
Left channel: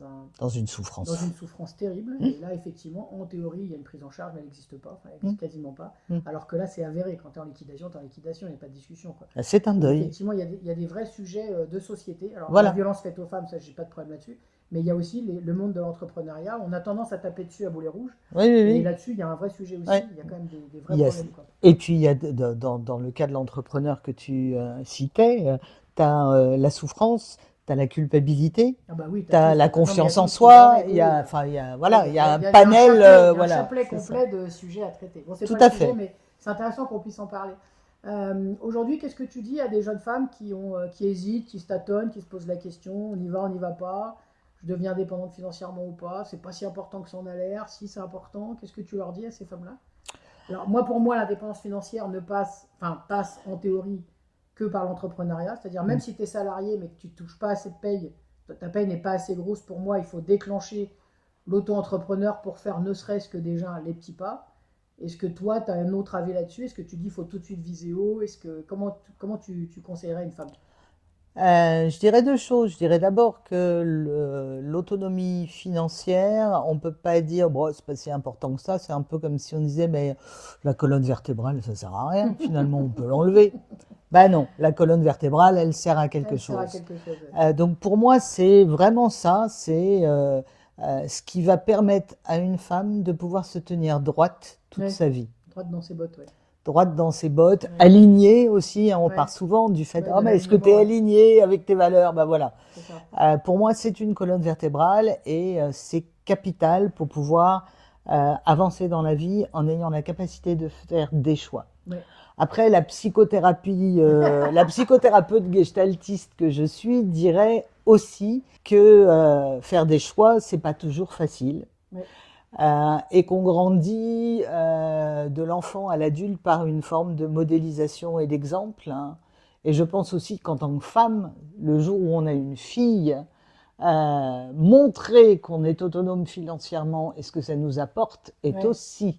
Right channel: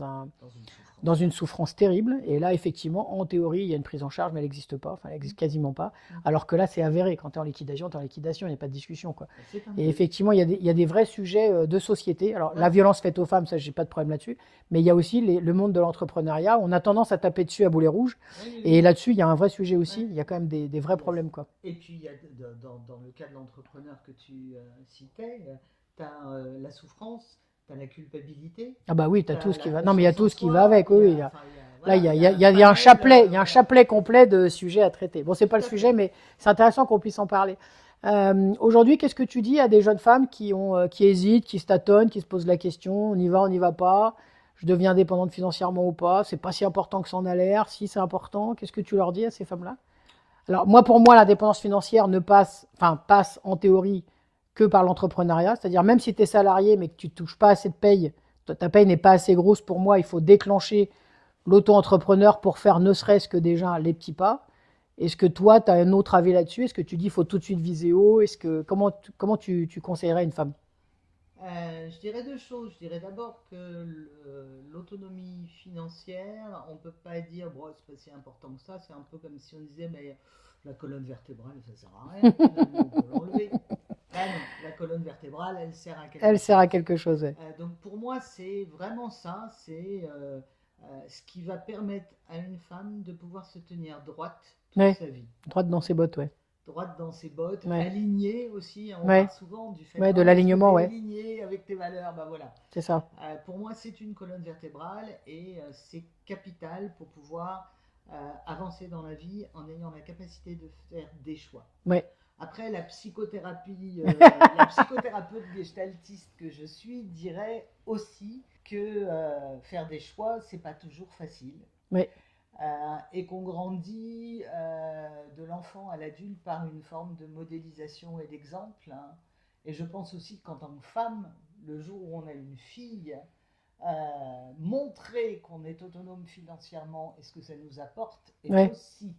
souffrance. une souffrance terrible. Et là, effectivement, en théorie, il y a une prise en charge, mais elle n'existe pas. Enfin, elle n'existe quasiment pas. Alors que là, c'est avéré. Quand tu es en liquidation, tu es en liquidation, il n'y a pas de discussion, quoi. C'est un Et deuil. effectivement, il y a des vrais sujets de société. Alors, Voilà. la violence faite aux femmes, ça, j'ai pas de problème là-dessus. Mais il y a aussi le monde de l'entrepreneuriat. On a tendance à taper dessus à boulet rouge. Oui, oui, Et oui. là-dessus, il y a un vrai sujet aussi. Ouais. Il y a quand même des vrais Il y a- problèmes, quoi. Et puis, il y a dans le cas de l'entrepreneur que tu citais, tu as la souffrance, tu as la culpabilité, Ah bah oui, tu as la non, mais il y a confiance en tout ce qui va soi, avec. il y Oui, a, enfin, voilà, il y a, il y a un il y a un panel, chapelet, il y a un voilà, chapelet c'est ça. complet de sujets à traiter. Bon, c'est Tout pas le à sujet, fait. mais c'est intéressant qu'on puisse en parler. Aujourd'hui, qu'est-ce que tu dis à des jeunes femmes qui hésitent, qui se tâtonnent, qui se posent la question, on n'y va pas, je deviens indépendante financièrement ou pas, c'est pas si important que ça en a l'air, si c'est important, qu'est-ce que tu leur dis à ces femmes-là? Alors moi, pour moi, l'indépendance financière passe en théorie que par l'entrepreneuriat, c'est-à-dire même si tu es salarié mais que tu ne touches pas assez de paye, ta paye n'est pas assez grosse pour moi, il faut déclencher l'auto-entrepreneur pour faire ne serait-ce que déjà les petits pas. Est-ce que toi, tu as un autre avis là-dessus? Est-ce que tu dis qu'il faut tout de suite viser haut? Comment tu conseillerais une femme? Je dirais deux choses. Je dirais d'abord que l'autonomie financière, on peut pas dire, bon, c'est pas si important que ça. C'est un peu comme si on disait, mais la colonne vertébrale, ça sert à rien. Finalement, on peut l'enlever. Ben non, la colonne vertébrale, elle sert à quelque Elle sert à chose. quelque chose. Ouais. Donc pour moi, c'est vraiment ça. C'est ce qui va permettre à une femme de pouvoir se tenir droite toute Ouais. sa vie. Droite dans ses bottes, ouais. Droite dans ses bottes, Ouais. alignée aussi, hein, on Ouais. parle souvent du fait, Ouais, ah, de mais est-ce que l'alignement, tu es ouais. aligné avec tes valeurs? Ben voilà. C'est ça. Pour moi, c'est une colonne vertébrale et c'est capital pour pouvoir avancer dans la vie en ayant la capacité de faire des choix. Ouais. Après, la psychothérapie, la psychothérapeute gestaltiste que je suis dirait aussi que faire des choix, c'est pas toujours facile. Ouais. Et qu'on grandit de l'enfant à l'adulte par une forme de modélisation et d'exemple, hein. Et je pense aussi qu'en tant que femme, le jour où on a une fille, montrer qu'on est autonome financièrement et ce que ça nous apporte est Ouais. aussi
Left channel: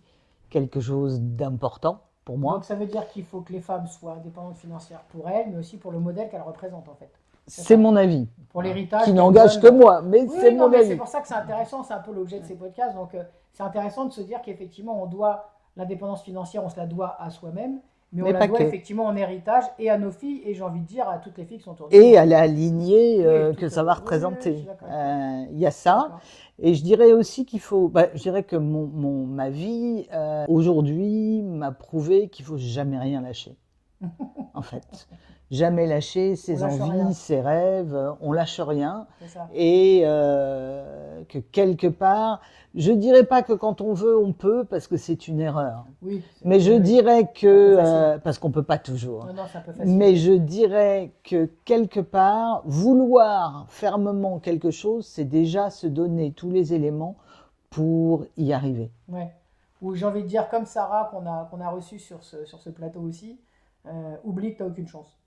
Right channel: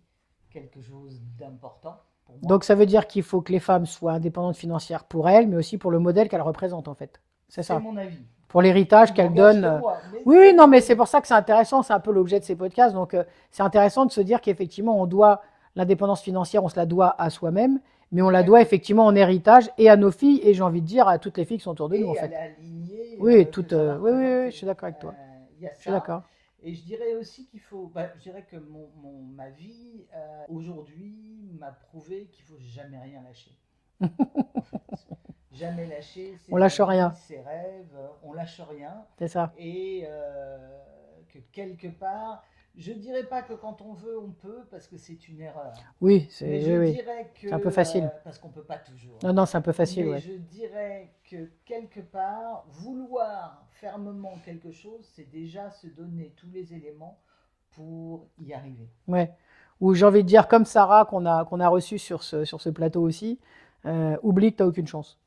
quelque chose d'important pour moi. Donc ça veut dire qu'il faut que les femmes soient indépendantes financières pour elles, mais aussi pour le modèle qu'elles représentent en fait. C'est ça. mon avis. Pour l'héritage Qui qu'elles n'engage donnent. que moi. Mais Oui, c'est non, mon mais avis. c'est pour ça que c'est intéressant, c'est un peu l'objet de ces podcasts. Donc c'est intéressant de se dire qu'effectivement, on doit l'indépendance financière, on se la doit à soi-même, mais on Mais la pas doit que. effectivement en héritage et à nos filles, et j'ai envie de dire à toutes les filles qui sont autour de nous. Et en à fait. la lignée Oui, que toute, ça va oui, oui, oui, représenter. je suis d'accord avec toi. Il y a Je suis ça. d'accord. Et je dirais aussi qu'il faut. Je dirais que ma vie aujourd'hui m'a prouvé qu'il faut jamais rien lâcher. En fait, jamais lâcher ses On lâche envies, rien. ses rêves. On lâche rien. C'est ça. Et que quelque part, je dirais pas que quand on veut, on peut, parce que c'est une erreur. Oui, Mais je oui, oui. dirais un peu que facile. parce qu'on peut pas toujours. Non, non, c'est un peu facile. Mais ouais. je dirais que quelque part, vouloir fermement quelque chose, c'est déjà se donner tous les éléments pour y arriver. Ouais. Ou j'ai envie de dire, comme Sarah, qu'on a reçu sur ce plateau aussi, oublie que tu n'as aucune chance.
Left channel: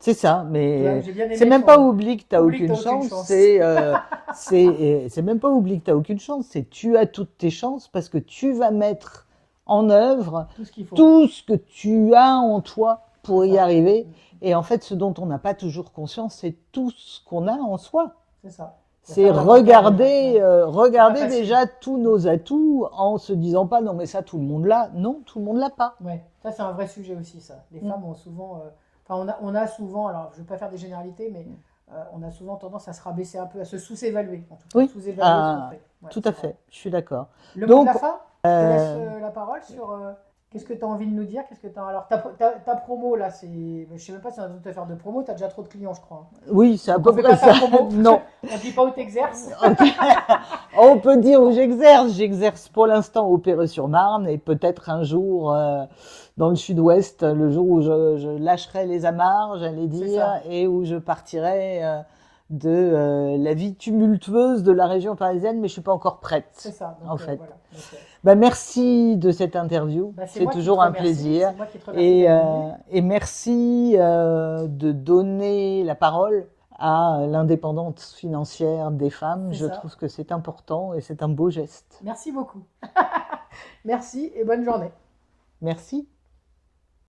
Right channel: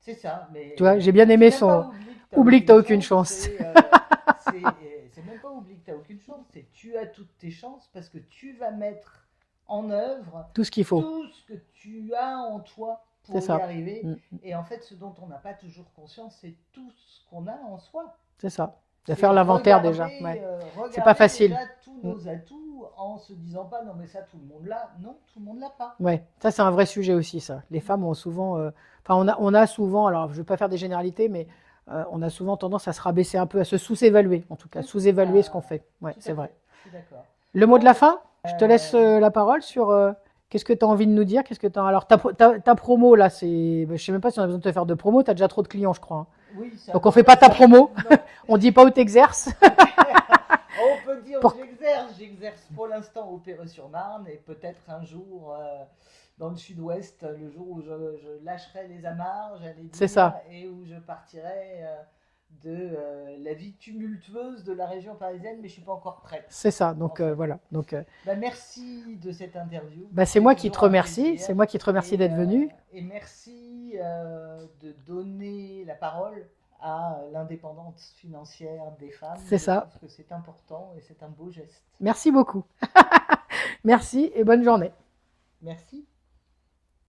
C'est ça, Tu vois, mais j'ai bien c'est aimé même son. pas oublie que tu Oublie que t'as aucune chance, chance. c'est même pas oublie que tu aucune chance, c'est tu as toutes tes chances parce que tu vas mettre en œuvre Tout ce qu'il faut. tout ce que tu as en toi pour C'est y ça. arriver. Mm. Et en fait, ce dont on n'a pas toujours conscience, c'est tout ce qu'on a en soi. C'est ça. C'est faire l'inventaire regarder, déjà. Ouais. regarder facile. déjà tous nos atouts en se disant pas non mais ça tout le monde l'a. Non, tout le monde l'a pas. Ouais, ça c'est un vrai sujet aussi, ça. Les Mm. femmes ont souvent, on a souvent, alors je ne veux pas faire des généralités, mais on a souvent tendance à se rabaisser un peu, à se sous-évaluer, en tout cas, Oui. sous-évaluer ce qu'on fait. Ouais, Tout c'est à vrai. fait, je suis d'accord. Le mot de la Donc, fin, je te laisse la parole sur qu'est-ce que tu as envie de nous dire, qu'est-ce que t'as... Alors ta promo là, je ne sais même pas si on a besoin de te faire de promo, tu as déjà trop de clients, je crois. Hein. Oui, c'est à Donc peu on fait près pas ta ça. promo, Non, on dit pas où tu exerces. on peut dire où j'exerce. J'exerce pour l'instant au Perreux-sur-Marne et peut-être un jour dans le sud-ouest, le jour où je lâcherai les amarres, j'allais C'est dire, ça. et où je partirai de la vie tumultueuse de la région parisienne, mais je suis pas encore prête. C'est ça, donc En fait. voilà. Donc, Merci de cette interview. c'est moi qui te toujours un remercie, plaisir. c'est moi qui te remercie d'être venu. Et merci de donner la parole à l'indépendance financière des femmes. C'est Je ça. trouve que c'est important et c'est un beau geste. Merci beaucoup. Merci et bonne journée. Merci.